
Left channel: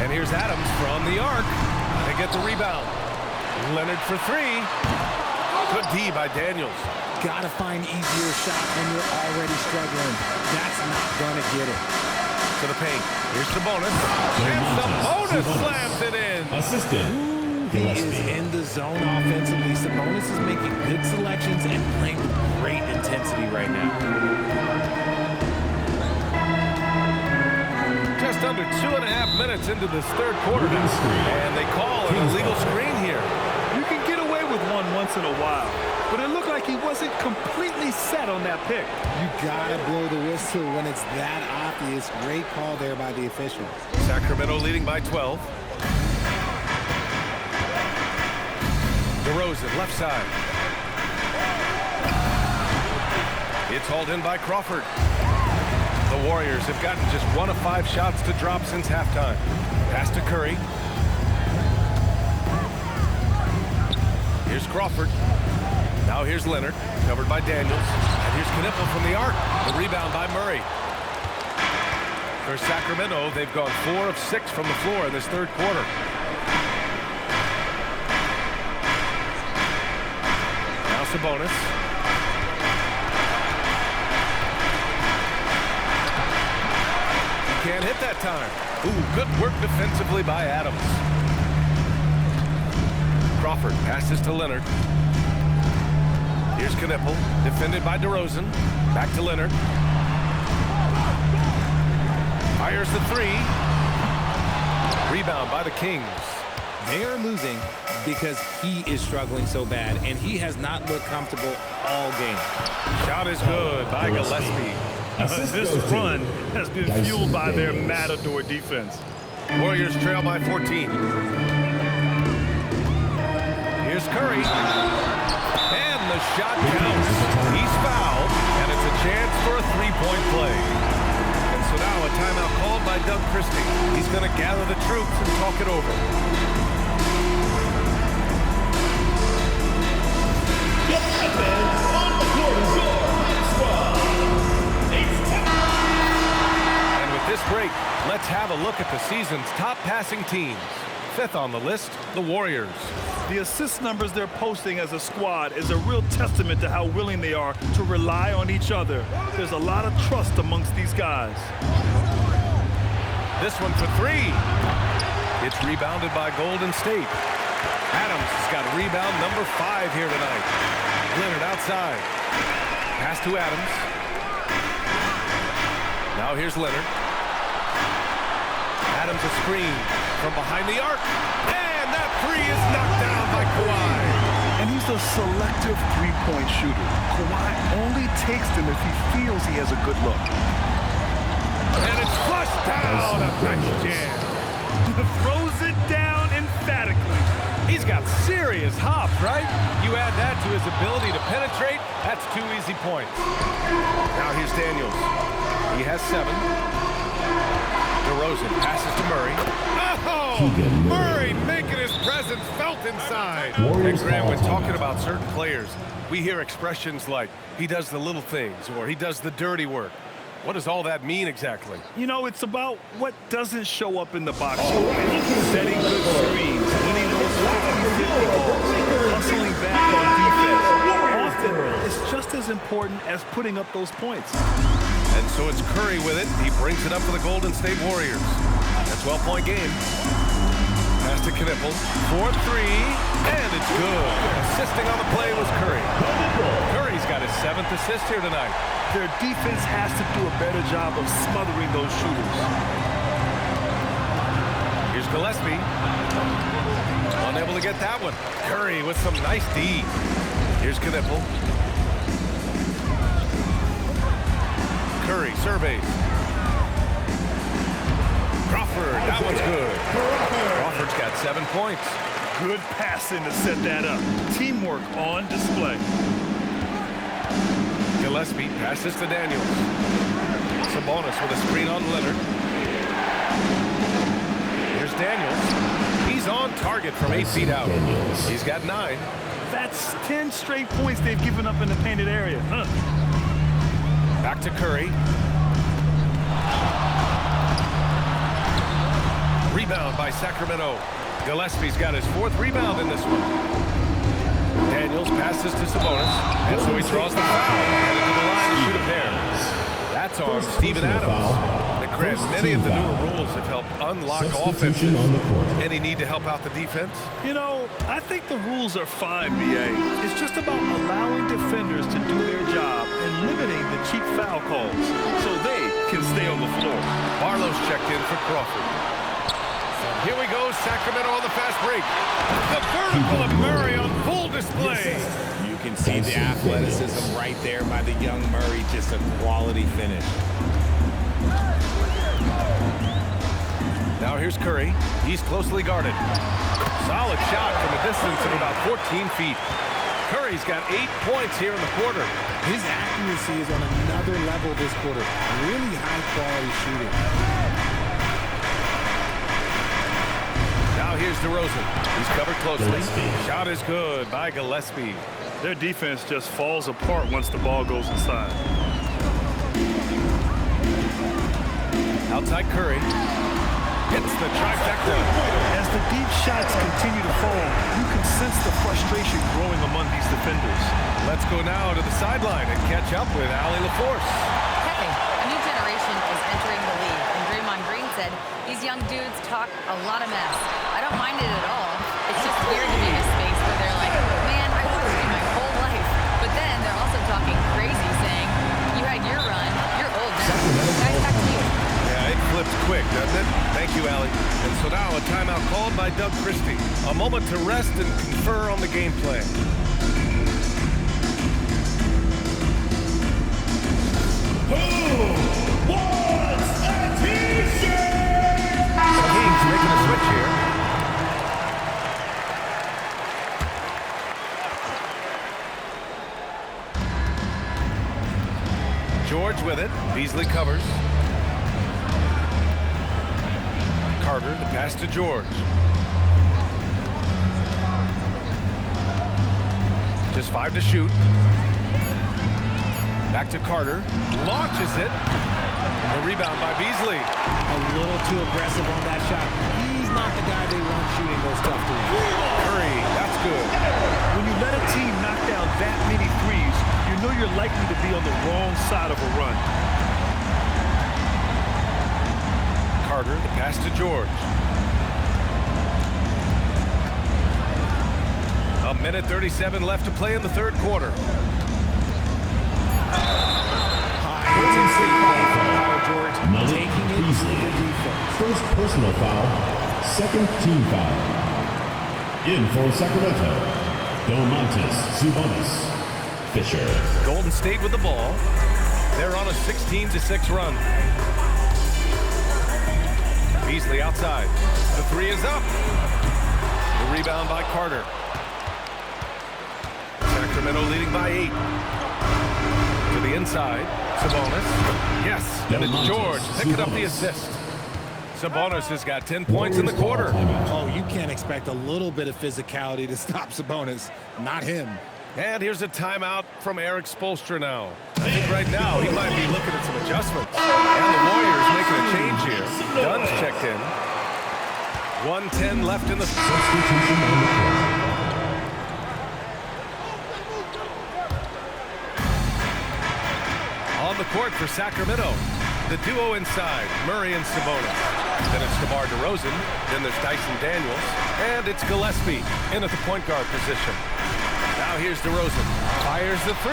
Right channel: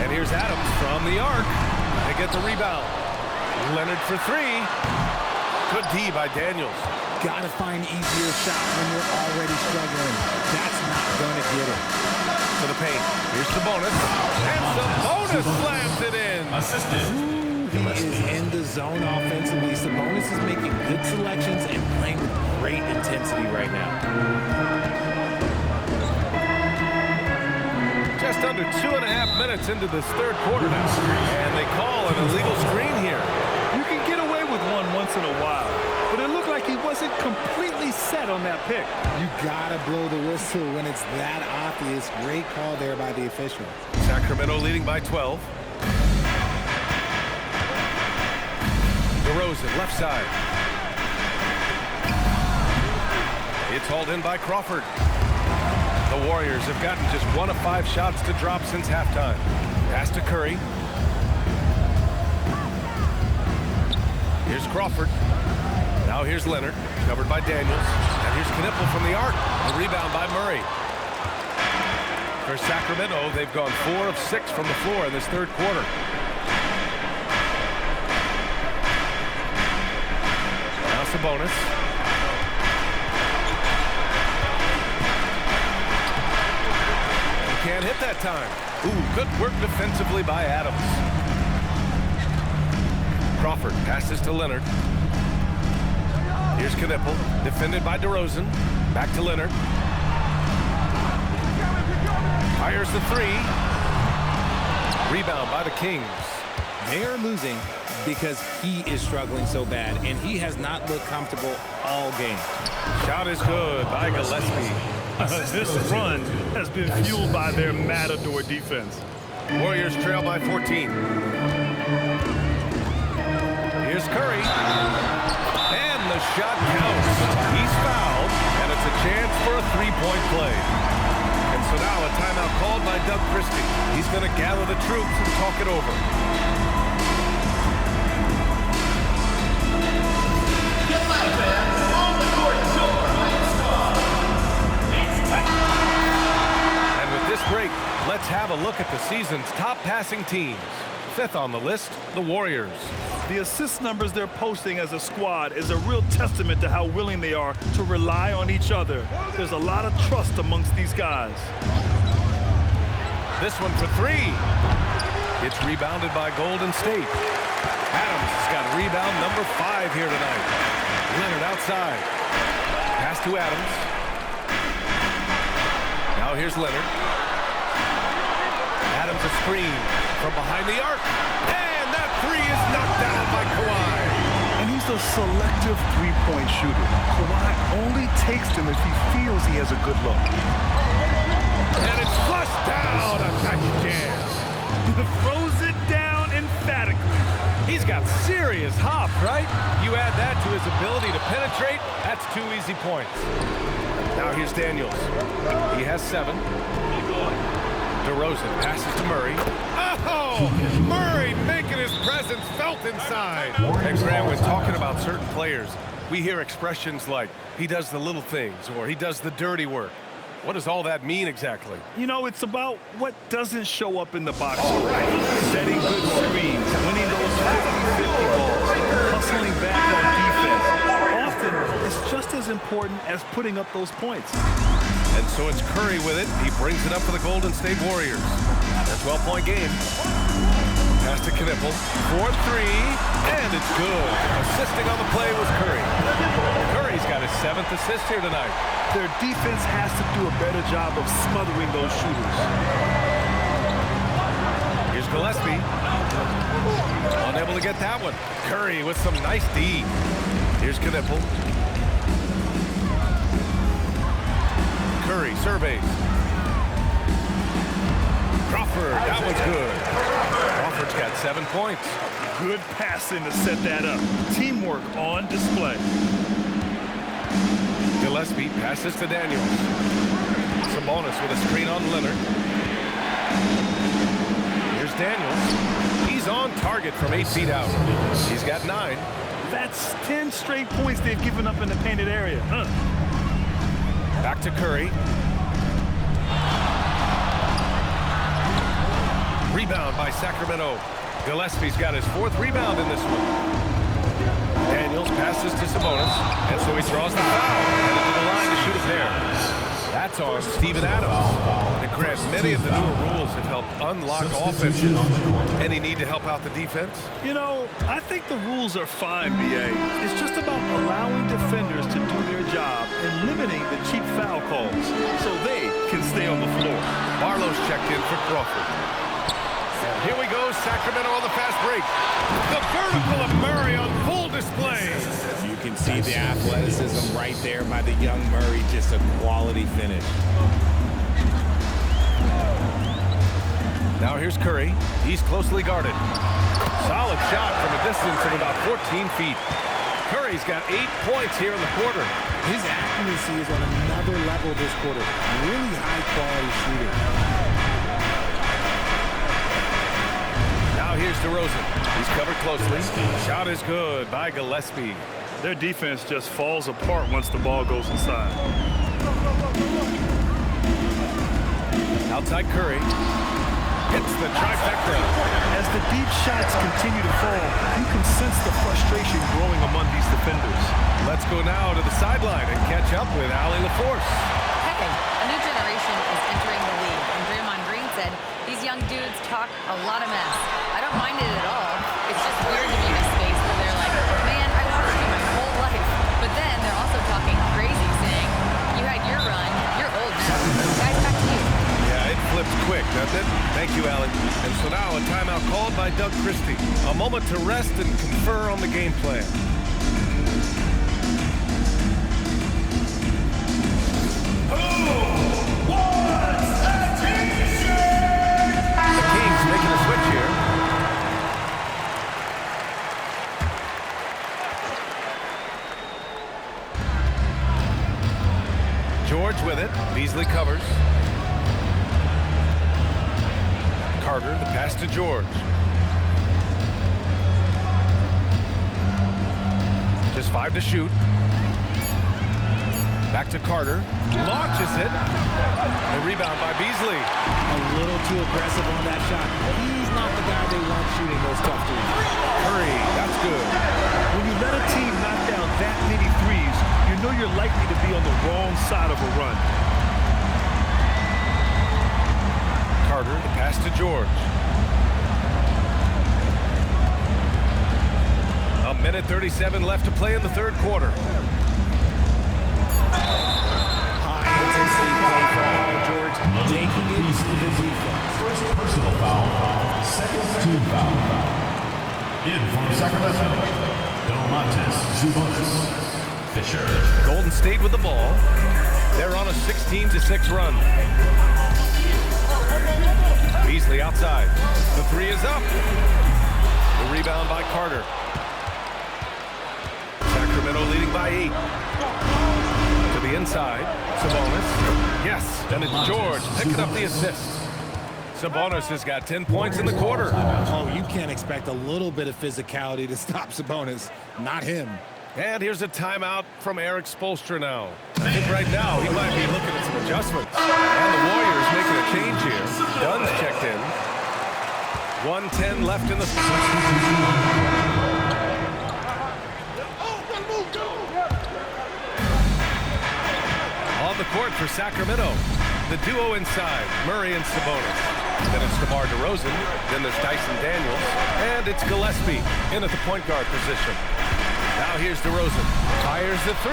And here's Adams from the arc. They get the rebound. Leonard for three. Good D by Daniels. Got to find easier shots when you're already struggling. That's not going to get it. To the paint. Here's Sabonis. And Sabonis slams it in. He is in the zone offensively. Sabonis is making good selections and playing with great intensity right now. Just under 2.5 minutes into this third quarter now. And they call an illegal screen here. You can get away with one once in a while, but it looked like he wasn't completely set on that pick. You got to blow the whistle when it's that obvious. Great call there by the official. Sacramento leading by 12. DeRozan, left side. It's hauled in by Crawford. The Warriors have gotten just 1 of 5 shots to drop since halftime. Pass to Curry. Here's Crawford. Now here's Leonard, covered by Daniels. And here's Knipple from the arc. The rebound by Murray. For Sacramento, they've gone 4 of 6 from the floor in this third quarter. Now Sabonis. He can't hit that time. Ooh, good work defensively by Adams. Crawford passes to Leonard. Here's Knipple, defended by DeRozan. Back to Leonard. Fires the three. Rebound by the Kings. They are losing because he is struggling so bad, and he has not looked comfortable all game. Shot is good by Gillespie. This run has been fueled by their matador defense. Warriors trail by 14. Here's Curry. And the shot counts. He's fouled, and it's a chance for a three-point play. And so now a timeout called by Doug Christie. He's going to gather the troops and talk it over. And with this break, let's have a look at the season's top passing teams. 5th on the list, the Warriors. The assist numbers they're posting as a squad is a real testament to how willing they are to rely on each other. There's a lot of trust amongst these guys. This one for three. It's rebounded by Golden State. Adams has got rebound number 5 here tonight. Leonard outside. Pass to Adams. Now here's Leonard. Adams a screen from behind the arc. And that three is knocked down by Kawhi. And he's a selective three-point shooter. Kawhi only takes them if he feels he has a good look. And it's flushed down. A nice jam. Throws it down emphatically. He's got serious hop, right? You add that to his ability to penetrate, that's 2 easy points. Now here's Daniels. He has 7. DeRozan passes to Murray. Oh! Murray making his presence felt inside. And Grant, when talking about certain players, we hear expressions like, he does the little things, or he does the dirty work. What does all that mean exactly? You know, it's about what doesn't show up in the box score. Setting good screens, winning those 50-50 balls, hustling back on defense. Often, it's just as important as putting up those points. And so it's Curry with it. He brings it up for the Golden State Warriors. A 12-point game. Pass to Knipple. 4-3, and it's good. Assisting on the play was Curry. Curry's got his 7th assist here tonight. Their defense has to do a better job of smothering those shooters. Here's Gillespie. Unable to get that one. Curry with some nice D. Here's Knipple. Curry surveys. Crawford, that one's good. Crawford's got 7 points. Good passing to set that up. Teamwork on display. Gillespie passes to Daniels. Sabonis with a screen on Leonard. Here's Daniels. He's on target from 8 feet out. He's got 9. That's 10 straight points they've given up in the painted area. Back to Curry. Rebound by Sacramento. Gillespie's got his 4th rebound in this one. Daniels passes to Sabonis, and so he draws the foul, headed to the line to shoot a pair. That's on Steven Adams. Now, Grant, many of the newer rules have helped unlock offenses. Any need to help out the defense? You know, I think the rules are fine, B.A. It's just about allowing defenders to do their job and limiting the cheap foul calls so they can stay on the floor. Barlow's checked in for Crawford. And here we go, Sacramento on the fast break. The vertical of Murray on full display. You can see the athleticism right there by the young Murray, just a quality finish. Now here's Curry. He's closely guarded. Solid shot from a distance of about 14 feet. Curry's got 8 points here in the quarter. His accuracy is on another level this quarter. Really high quality shooting. Now here's DeRozan. He's covered closely. Shot is good by Gillespie. Their defense just falls apart once the ball goes inside. Outside Curry. Hits the trifecta. As the deep shots continue to fall, you can sense the frustration growing among these defenders. Let's go now to the sideline and catch up with Allie LaForce. Hey, a new generation is entering the league, and Draymond Green said these young dudes talk a lot of mess. I don't mind it at all. It's just weird to be in a space where they're like, man, I watched you my whole life. But then they're also talking crazy, saying, you had your run, you're old now. Guys, back to you. Yeah, it flips quick, doesn't it? Thank you, Allie. And so now a timeout called by Doug Christie. A moment to rest and confer on the game plan. The Kings making a switch here. George with it. Beasley covers. Carter, the pass to George. Just 5 to shoot. Back to Carter. Launches it. The rebound by Beasley. A little too aggressive on that shot. He's not the guy they want shooting those tough threes. Curry, that's good. When you let a team knock down that many threes, you know you're likely to be on the wrong side of a run. Carter, the pass to George. A minute 37 left to play in the third quarter. High intensity play from Paul George, taking it to the defense. First personal foul, second team foul. In for Sacramento, Domantas Sabonis. Fisher. Golden State with the ball. They're on a 16-6 run. Beasley outside. The 3 is up. The rebound by Carter. Sacramento leading by 8. To the inside. Sabonis. Yes, and it's George picking up the assist. Sabonis has got 10 points in the quarter. Oh, you can't expect a little bit of physicality to stop Sabonis. Not him. And here's a timeout from Eric Spoelstra now. I think right now he might be looking at some adjustments. And the Warriors making a change here. Dunn's checked in. 1:10 left in the... On the court for Sacramento. The duo inside, Murray and Sabonis. Then it's DeMar DeRozan. Then there's Dyson Daniels. And it's Gillespie in at the point guard position. Now here's DeRozan. Fires the 3.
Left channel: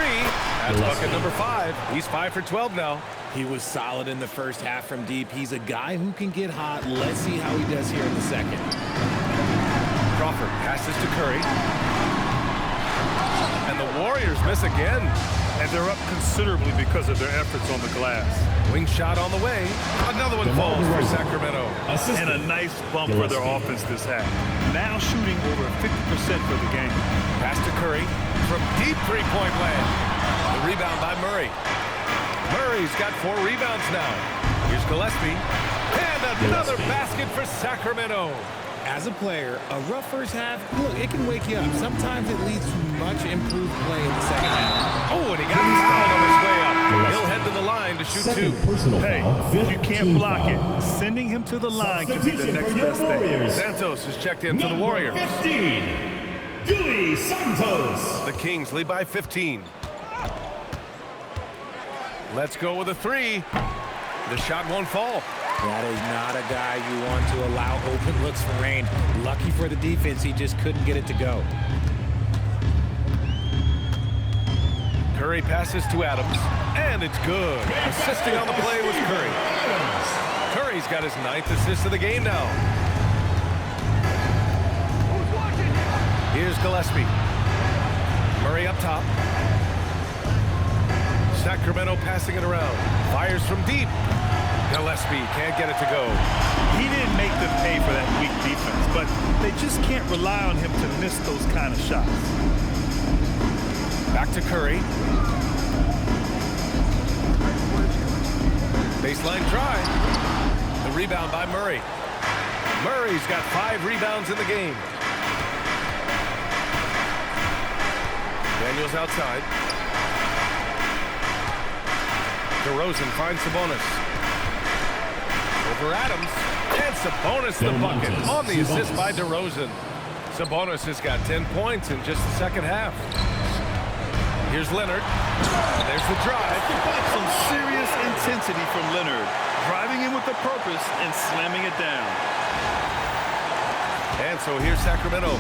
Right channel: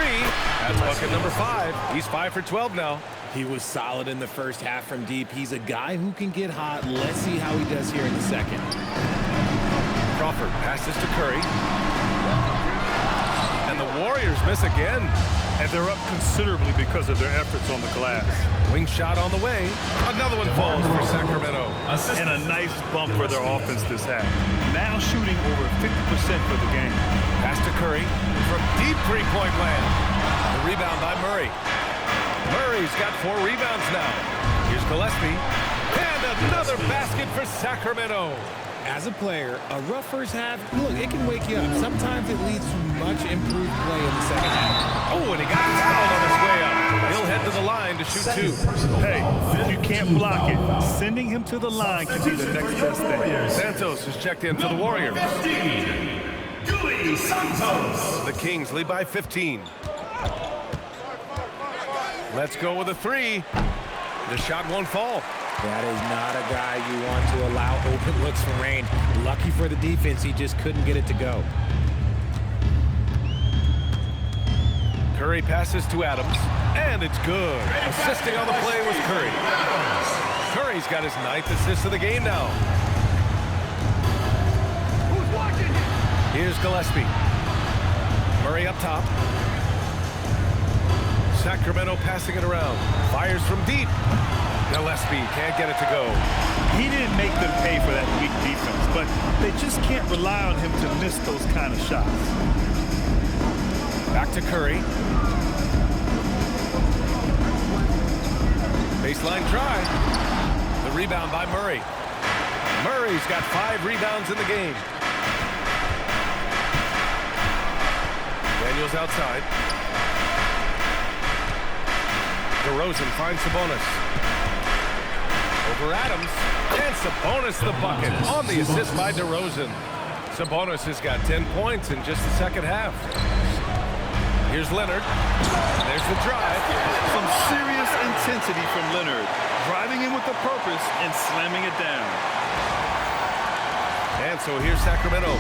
That's bucket number 5. He's 5 for 12 now. He was solid in the first half from deep. He's a guy who can get hot. Let's see how he does here in the second. Crawford passes to Curry. And the Warriors miss again. And they're up considerably because of their efforts on the glass. Wing shot on the way. Another one falls for Sacramento. And a nice bump for their offense this half. Now shooting over 50% for the game. Pass to Curry from deep three-point land. The rebound by Murray. Murray's got 4 rebounds now. Here's Gillespie. And another basket for Sacramento. As a player, a rough first half, look, it can wake you up. Sometimes it leads to much improved play in the second half. Oh, and he got fouled on his way up. He'll head to the line to shoot 2. Hey, you can't block it. Sending him to the line can be the next best thing. Santos is checked in for the Warriors. 15, Dewey Santos. The Kings lead by 15. Let's go with a 3. The shot won't fall. That is not a guy you want to allow open looks from range. Lucky for the defense, he just couldn't get it to go. Curry passes to Adams, and it's good. Assisting on the play was Curry. Curry's got his 9th assist of the game now. Here's Gillespie. Murray up top. Sacramento passing it around. Fires from deep. Gillespie can't get it to go. He didn't make them pay for that weak defense, but they just can't rely on him to miss those kind of shots. Back to Curry. Baseline try. The rebound by Murray. Murray's got 5 rebounds in the game. Daniels outside. DeRozan finds Sabonis. Over Adams, and Sabonis the bucket on the assist by DeRozan. Sabonis has got 10 points in just the second half. Here's Leonard. There's the drive. Some serious intensity from Leonard, driving in with a purpose and slamming it down. And so here's Sacramento.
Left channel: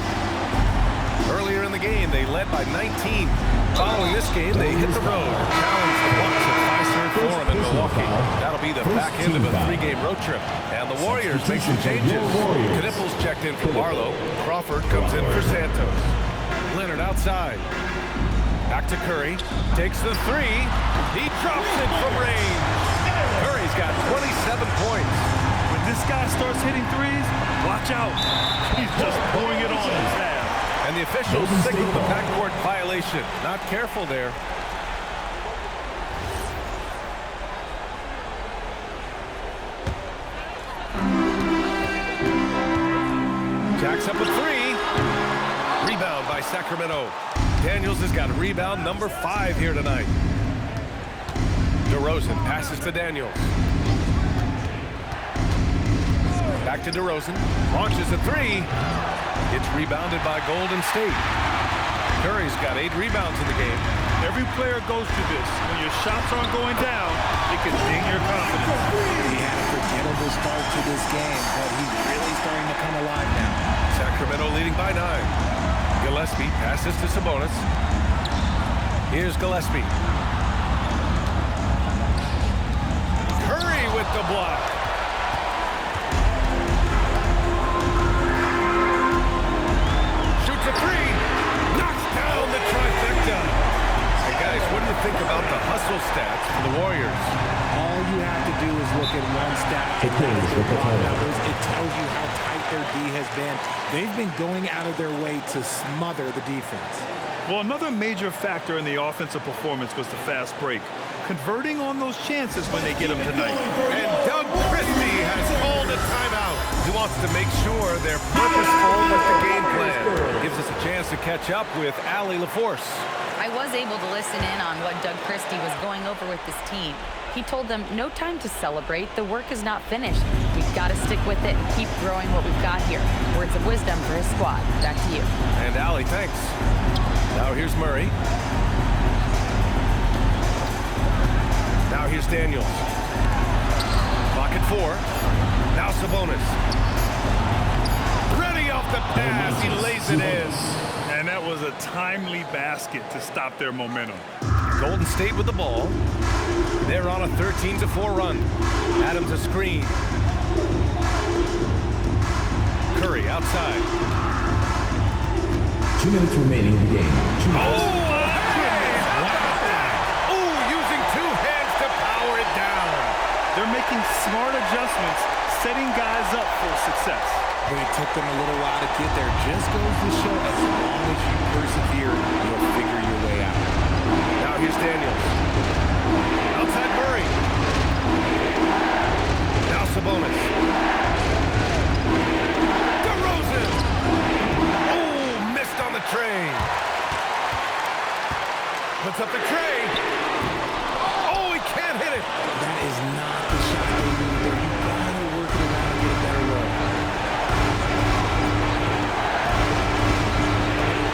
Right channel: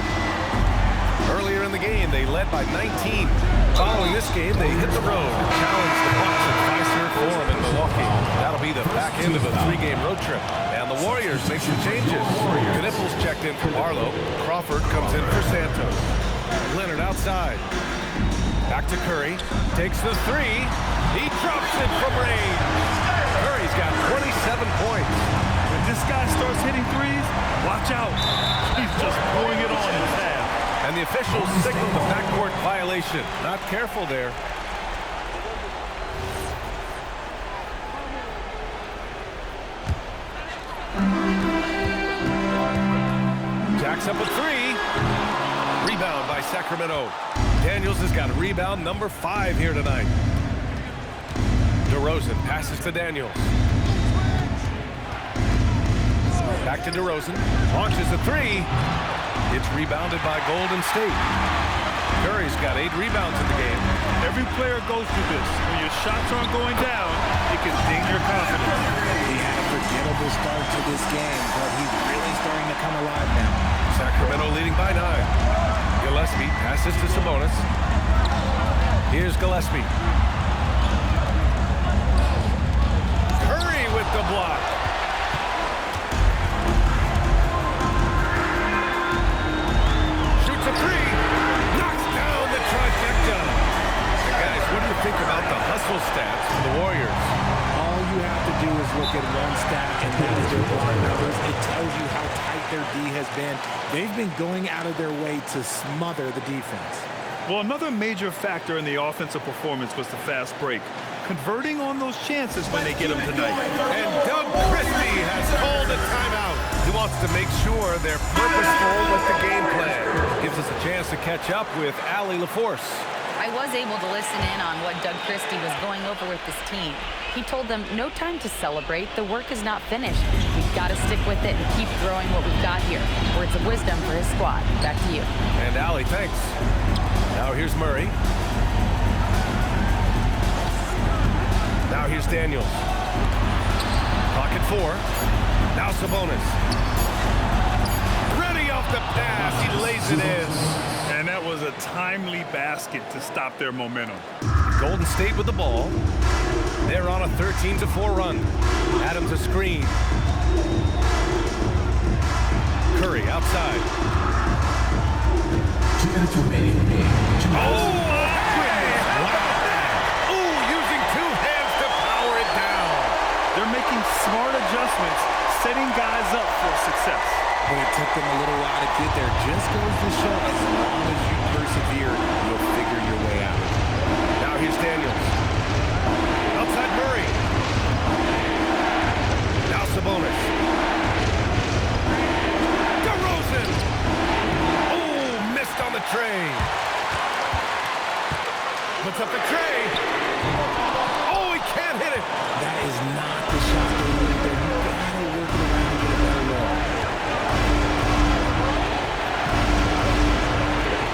Earlier in the game, they led by 19. Following this game, they hit the road and challenge the Bucks at Fiserv Forum in Milwaukee. That'll be the back end of a 3-game road trip. And the Warriors make some changes. Knipples checked in for Barlow. Crawford comes in for Santos. Leonard outside. Back to Curry. Takes the 3. He drops it from range. Curry's got 27 points. When this guy starts hitting threes, watch out. He's just pouring it on his half. And the officials signal the backcourt violation. Not careful there. Jacks up a 3. Rebound by Sacramento. Daniels has got rebound number 5 here tonight. DeRozan passes to Daniels. Back to DeRozan. Launches a 3. It's rebounded by Golden State. Curry's got 8 rebounds in the game. Every player goes through this. When your shots aren't going down, it can ding your confidence. He had a forgettable start to this game, but he's really starting to come alive now. Sacramento leading by 9. Gillespie passes to Sabonis. Here's Gillespie. Curry with the block. Shoots a 3. Knocks down the trifecta. And guys, what do you think about the hustle stats for the Warriors? All you have to do is look at one stat, and that is their block numbers. It tells you how tight their D has been. They've been going out of their way to smother the defense. Well, another major factor in the offensive performance was the fast break. Converting on those chances when they get them tonight. And Doug Christie has called a timeout. He wants to make sure they're purposeful with the game plan. Gives us a chance to catch up with Allie LaForce. I was able to listen in on what Doug Christie was going over with this team. He told them, no time to celebrate. The work is not finished. We've got to stick with it and keep growing what we've got here. Words of wisdom for his squad. Back to you. And Allie, thanks. Now here's Murray. Now here's Daniels. Clock at 4. Now Sabonis. Ready off the pass. He lays it in. And that was a timely basket to stop their momentum. Golden State with the ball. They're on a 13-4 run. Adams a screen. Curry outside. 2 minutes remaining in the game. Oh, my goodness. Wow. They're making smart adjustments, setting guys up for success. But it took them a little while to get there. Just goes to show, as long as you persevere, you'll figure your way out. Now here's Daniels. Outside Murray. Now Sabonis. DeRozan. Oh, missed on the tray. Puts up the tray. Oh, he can't hit it. That is not the shot they need there. You gotta work it around and get a better look.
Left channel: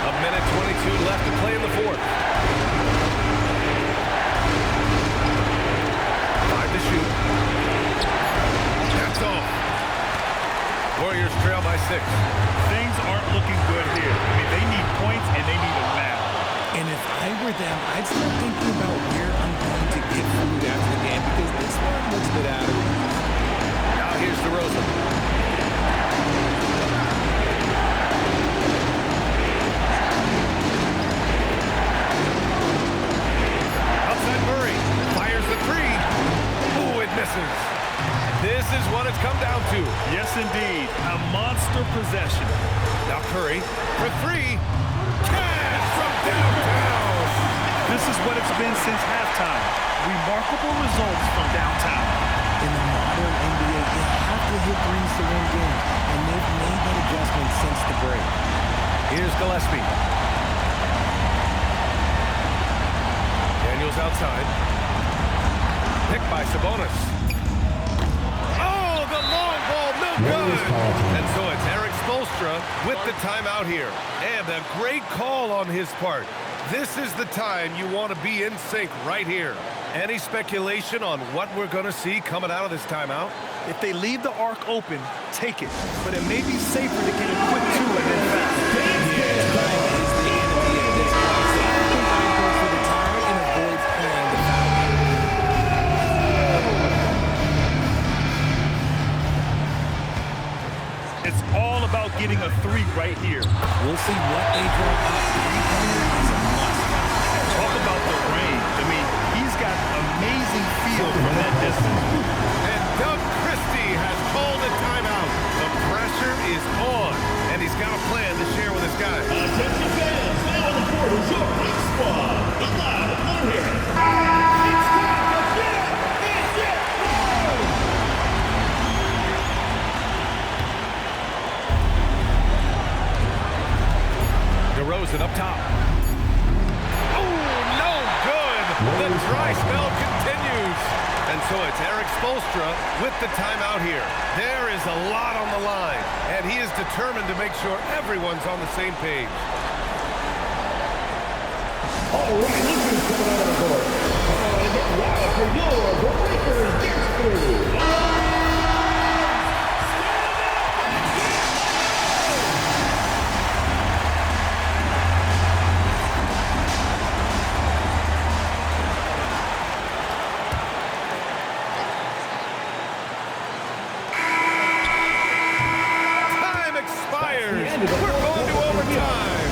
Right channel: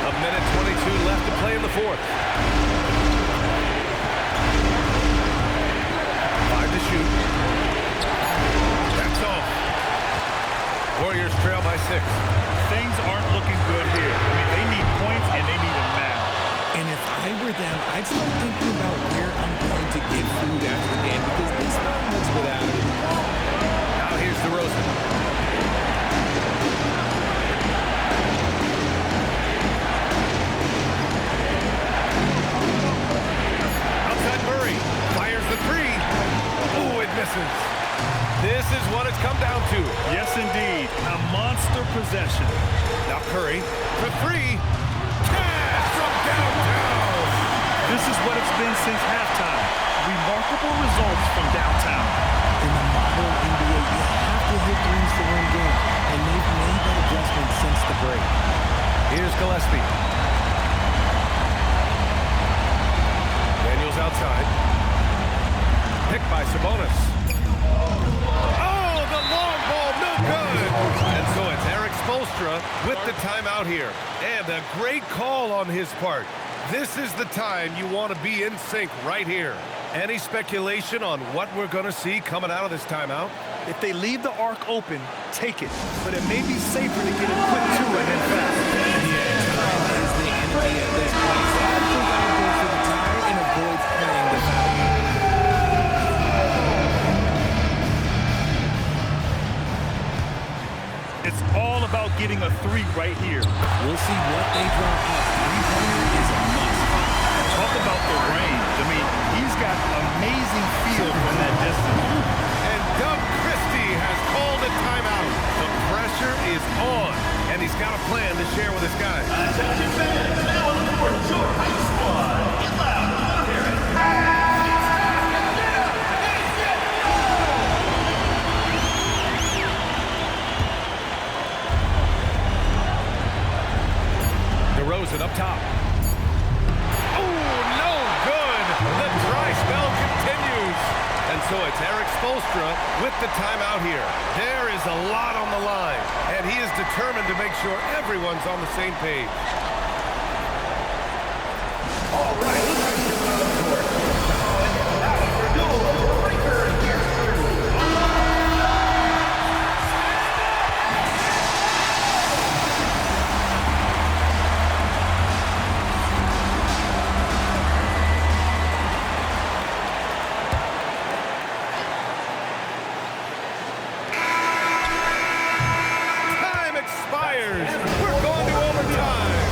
A minute 22 left to play in the fourth. 5 to shoot. That's off. Warriors trail by 6. Things aren't looking good here. I mean, they need points and they need them now. And if I were them, I'd start thinking about where I'm going to get food after the game, because this one looks a bit out of reach. Now here's DeRozan. Outside Murray. Fires the three. Oh, it misses. This is what it's come down to. Yes, indeed. A monster possession. Now Curry for 3. Cash from downtown. This is what it's been since halftime. Remarkable results from downtown. In the modern NBA, you have to hit threes to win games, and they've made that adjustment since the break. Here's Gillespie. Daniels outside. Picked by Sabonis. Oh, the long ball, no good. And so it's Eric Spoelstra with the timeout here. And a great call on his part. This is the time you want to be in sync right here. Any speculation on what we're going to see coming out of this timeout? If they leave the arc open, take it. But it may be safer to get a quick 2 and then foul. Yeah, time is the enemy at this point. So I think I'd go for the tie and avoid playing the foul. It's all about getting a 3 right here. We'll see what they draw up. Three-pointer is a must. Talk about the range. I mean, he's got amazing feel from that distance. And Doug Christie has called a timeout. The pressure is on, and he's got a plan to share with his guys. Attention fans, now on the court is your hype squad. Get loud, let them hear it. It's time to get up and get low. DeRozan up top. The dry spell continues. And so it's Eric Spoelstra with the timeout here. There is a lot on the line, and he is determined to make sure everyone's on the same page. All right, look who's coming out on the court. Come on and get loud for your Breakers Dance Crew. We're going to overtime.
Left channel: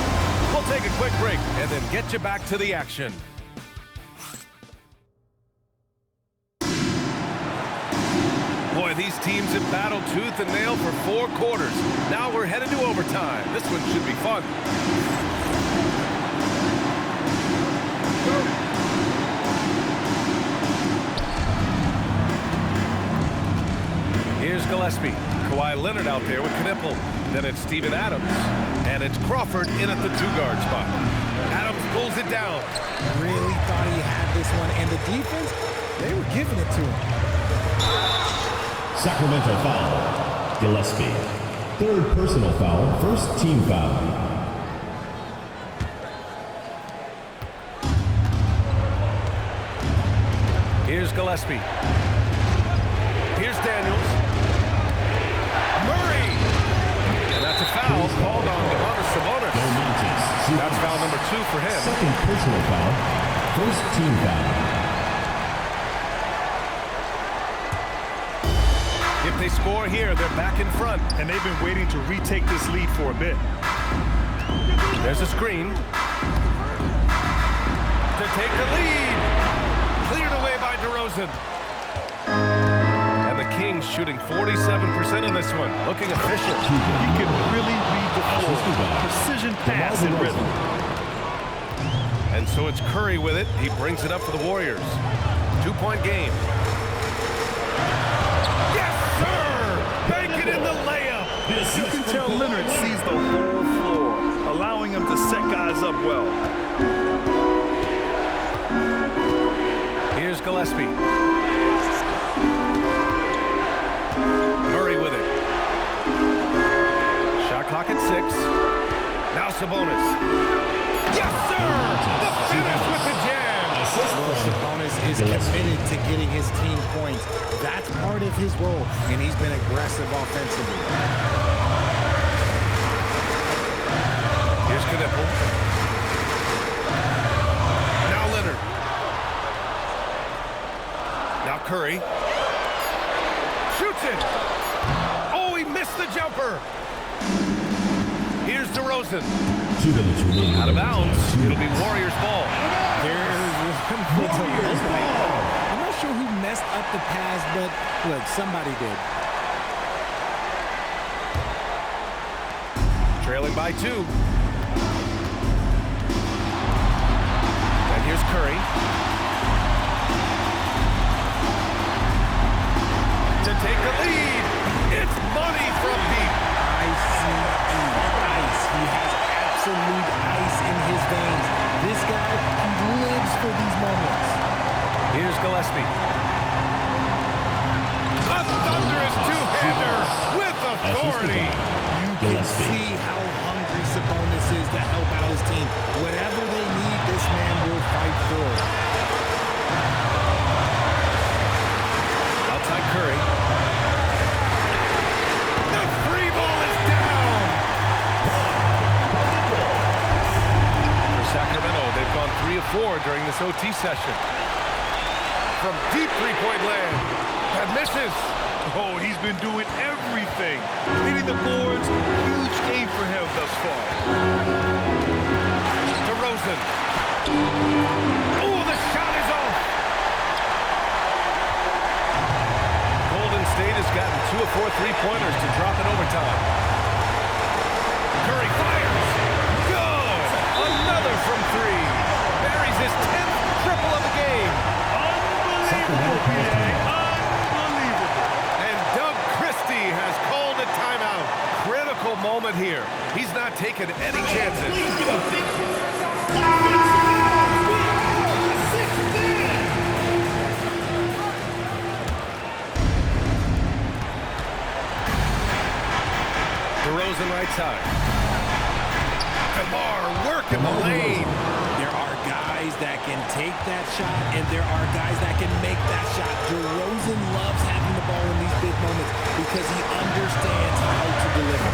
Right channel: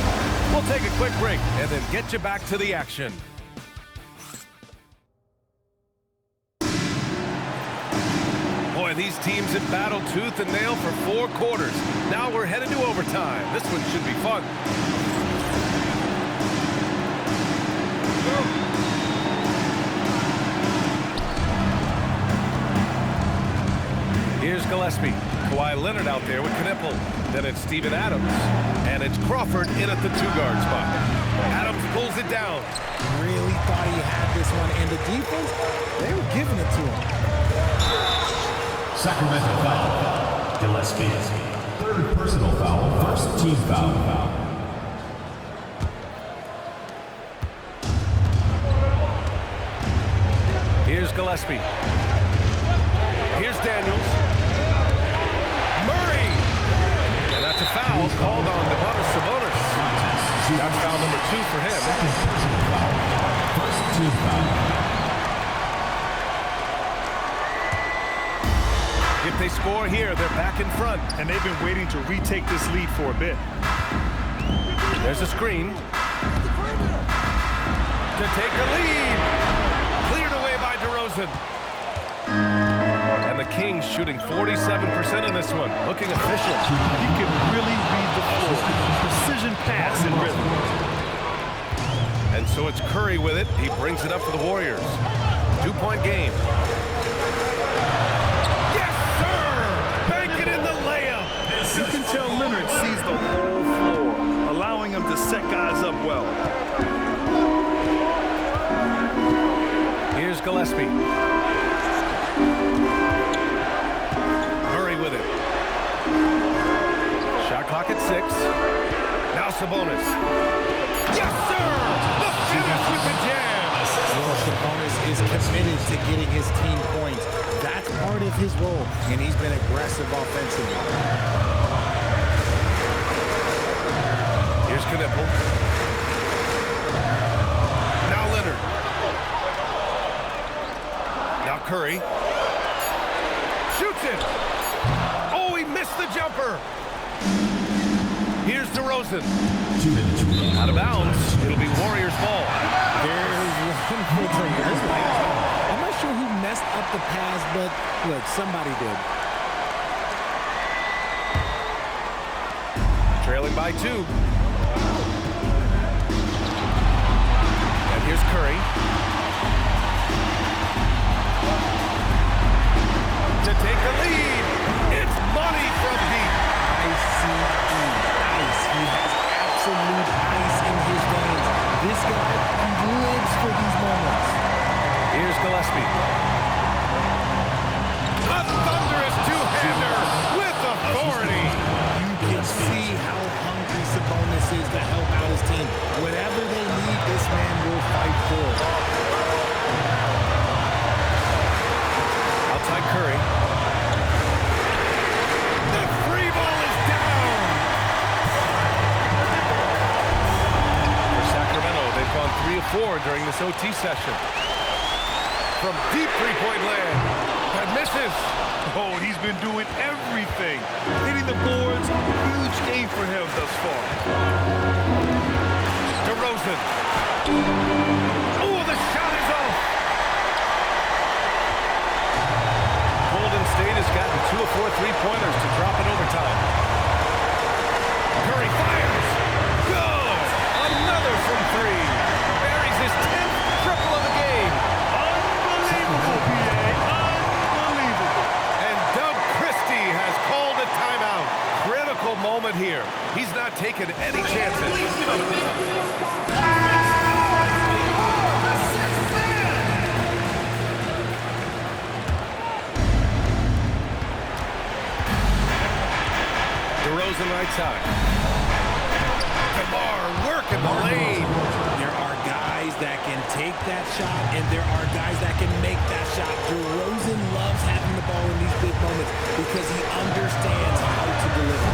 We'll take a quick break and then get you back to the action. Boy, these teams have battled tooth and nail for 4 quarters. Now we're headed to overtime. This one should be fun. Here's Gillespie. Kawhi Leonard out there with Knippel. Then it's Steven Adams. And it's Crawford in at the 2-guard spot. Adams pulls it down. Really thought he had this one. And the defense, they were giving it to him. Sacramento foul. Gillespie. 3rd personal foul. 1st team foul. Here's Gillespie. Here's Daniels. Murray! And that's a foul called on Sabonis. That's foul number 2 for him. 2nd personal foul. 1st team foul. If they score here, they're back in front. And they've been waiting to retake this lead for a bit. There's a screen. To take the lead. Cleared away by DeRozan. the Kings shooting 47% in this one. Looking efficient. He can really read the floor. Precision pass and rhythm. And so it's Curry with it. He brings it up for the Warriors. 2-point game. Yes, sir! Bank it in the layup. You can tell Leonard sees the whole floor, allowing him to set guys up well. Here's Gillespie. Murray with it. Shot clock at 6. Now Sabonis. Yes, sir! The finish with the jam! Well, Sabonis is committed to getting his team points. That's part of his role, and he's been aggressive offensively. Here's Knipple. Now Leonard. Now Curry. Shoots it! Oh, he missed the jumper! Here's DeRozan. 2 minutes remaining. Out of bounds. It'll be Warriors ball. There's one for the light. I'm not sure who messed up the pass, but look, somebody did. Trailing by 2. And here's Curry. To take the lead. It's money from deep. ICE. He has absolute ice in his veins. This guy, he lives for these moments. Here's Gillespie. A thunderous two-hander with authority. You can see how hungry Sabonis is to help out his team. Whatever they need, this man will fight for it. Outside Curry. The free ball is down. For Sacramento, they've gone 3 of 4 during this OT session. From deep three-point land. That misses. Oh, he's been doing everything. Hitting the boards, huge game for him thus far. DeRozan. Oh, the shot is off. Golden State has gotten 2 of 4 three-pointers to drop in overtime. Curry fires. Good. Another from 3. Buries his 10th triple of the game. Unbelievable, PA. Unbelievable. And Doug Christie has called a timeout. Critical moment here. He's not taking any chances. DeRozan right side. DeMar working the lane. There are guys that can take that shot, and there are guys that can make that shot. DeRozan loves having the ball in these big moments because he understands how to deliver.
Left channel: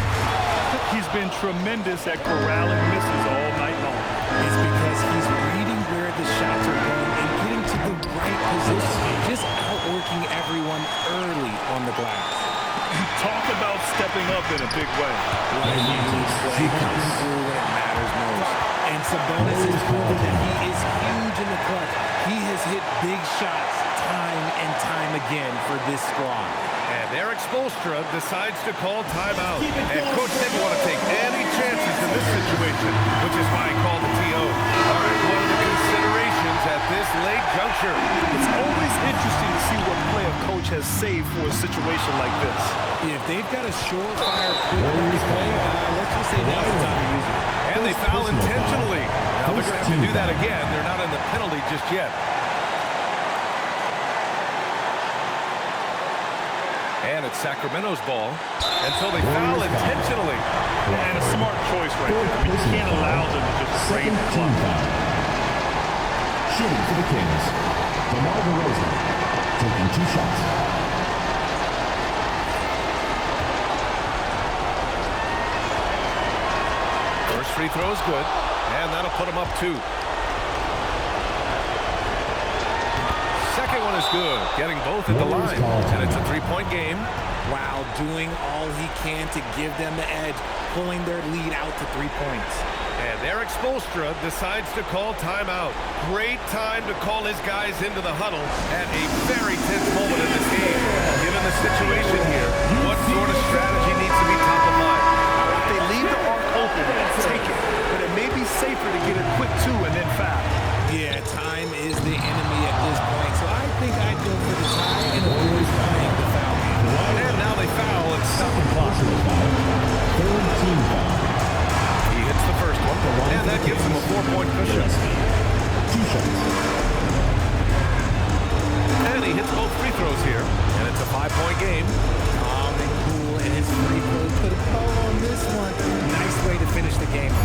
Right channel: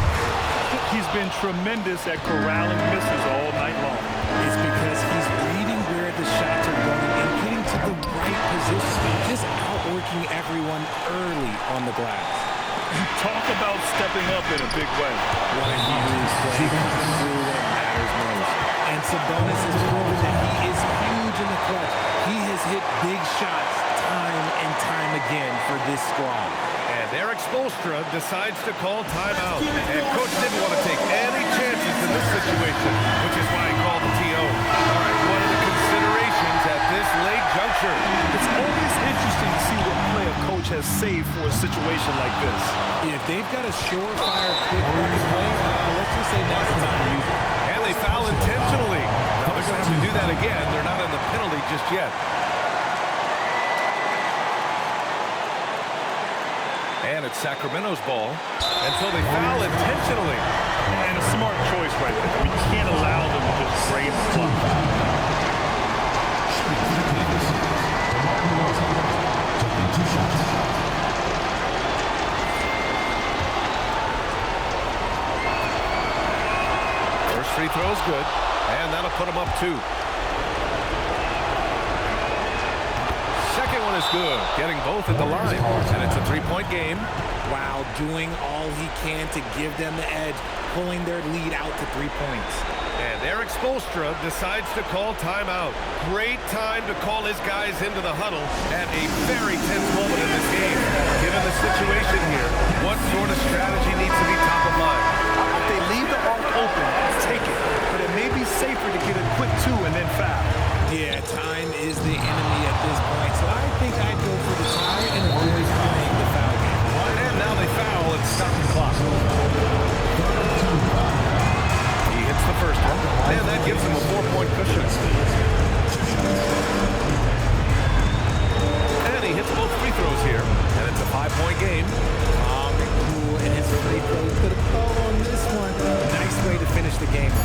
He's been tremendous at corralling misses all night long. It's because he's reading where the shots are going and getting to the right position, just outworking everyone early on the glass. Talk about stepping up in a big way. What a huge play coming through when it matters most. And Sabonis has proven that he is huge in the clutch. He has hit big shots time and time again for this squad. And Eric Spoelstra decides to call timeout. And Coach didn't want to take any chances in this situation, which is why he called the TO. All right, what are the considerations at this late juncture? It's always interesting to see what play a coach has saved for a situation like this. If they've got a surefire, quick bucket play, let's just say now's the time to use it. And they foul intentionally. Now they're going to have to do that again. They're not in the penalty just yet. And it's Sacramento's ball. And so they foul intentionally. And a smart choice right there. I mean, you can't allow them to just drain the clock. Shooting for the Kings. DeMar DeRozan taking 2 shots. First free throw is good. And that'll put him up 2. Second one is good, getting both at the line. And it's a 3-point game. Wow, doing all he can to give them the edge, pulling their lead out to 3 points. And Eric Spoelstra decides to call timeout. Great time to call his guys into the huddle at a very tense moment in this game. Given the situation here, what sort of strategy needs to be top of mind? If they leave the arc open, take it. But it may be safer to get a quick 2 and then foul. Yeah, time is the enemy at this point, so I think I'd go for the tie and avoid playing the foul game. And now they foul and stop the clock. He hits the first one, and that gives him a 4-point cushion. And he hits both free throws here, and it's a 5-point game. Calm and cool, and his free throws put a bow on this one. Nice way to finish the game.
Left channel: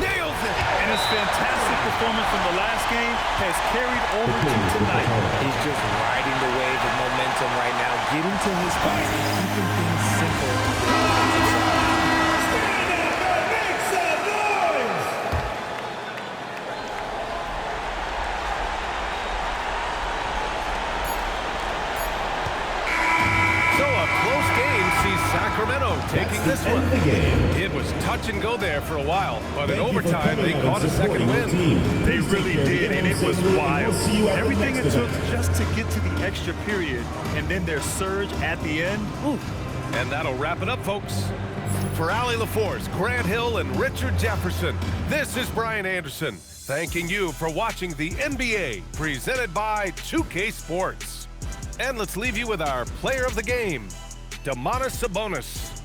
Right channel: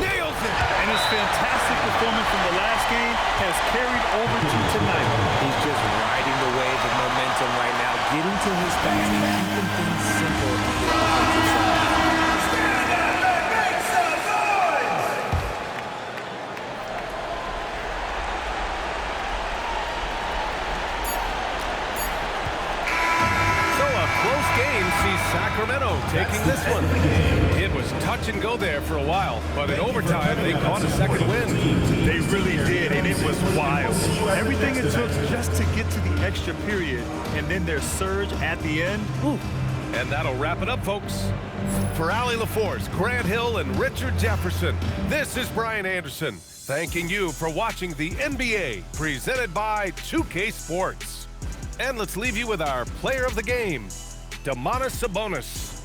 Nails it! And his fantastic performance from the last game has carried over to tonight. He's just riding the wave of momentum right now, getting to his spots and keeping things simple on the offensive side. So a close game sees Sacramento taking this one. It was touch and go there for a while, but in overtime they caught a second win. They really did, and it was wild. Everything it took just to get to the extra period, and then their surge at the end. Ooh. And that'll wrap it up, folks. For Allie LaForce, Grant Hill, and Richard Jefferson, this is Brian Anderson, thanking you for watching the NBA, presented by 2K Sports. And let's leave you with our player of the game, Domantas Sabonis.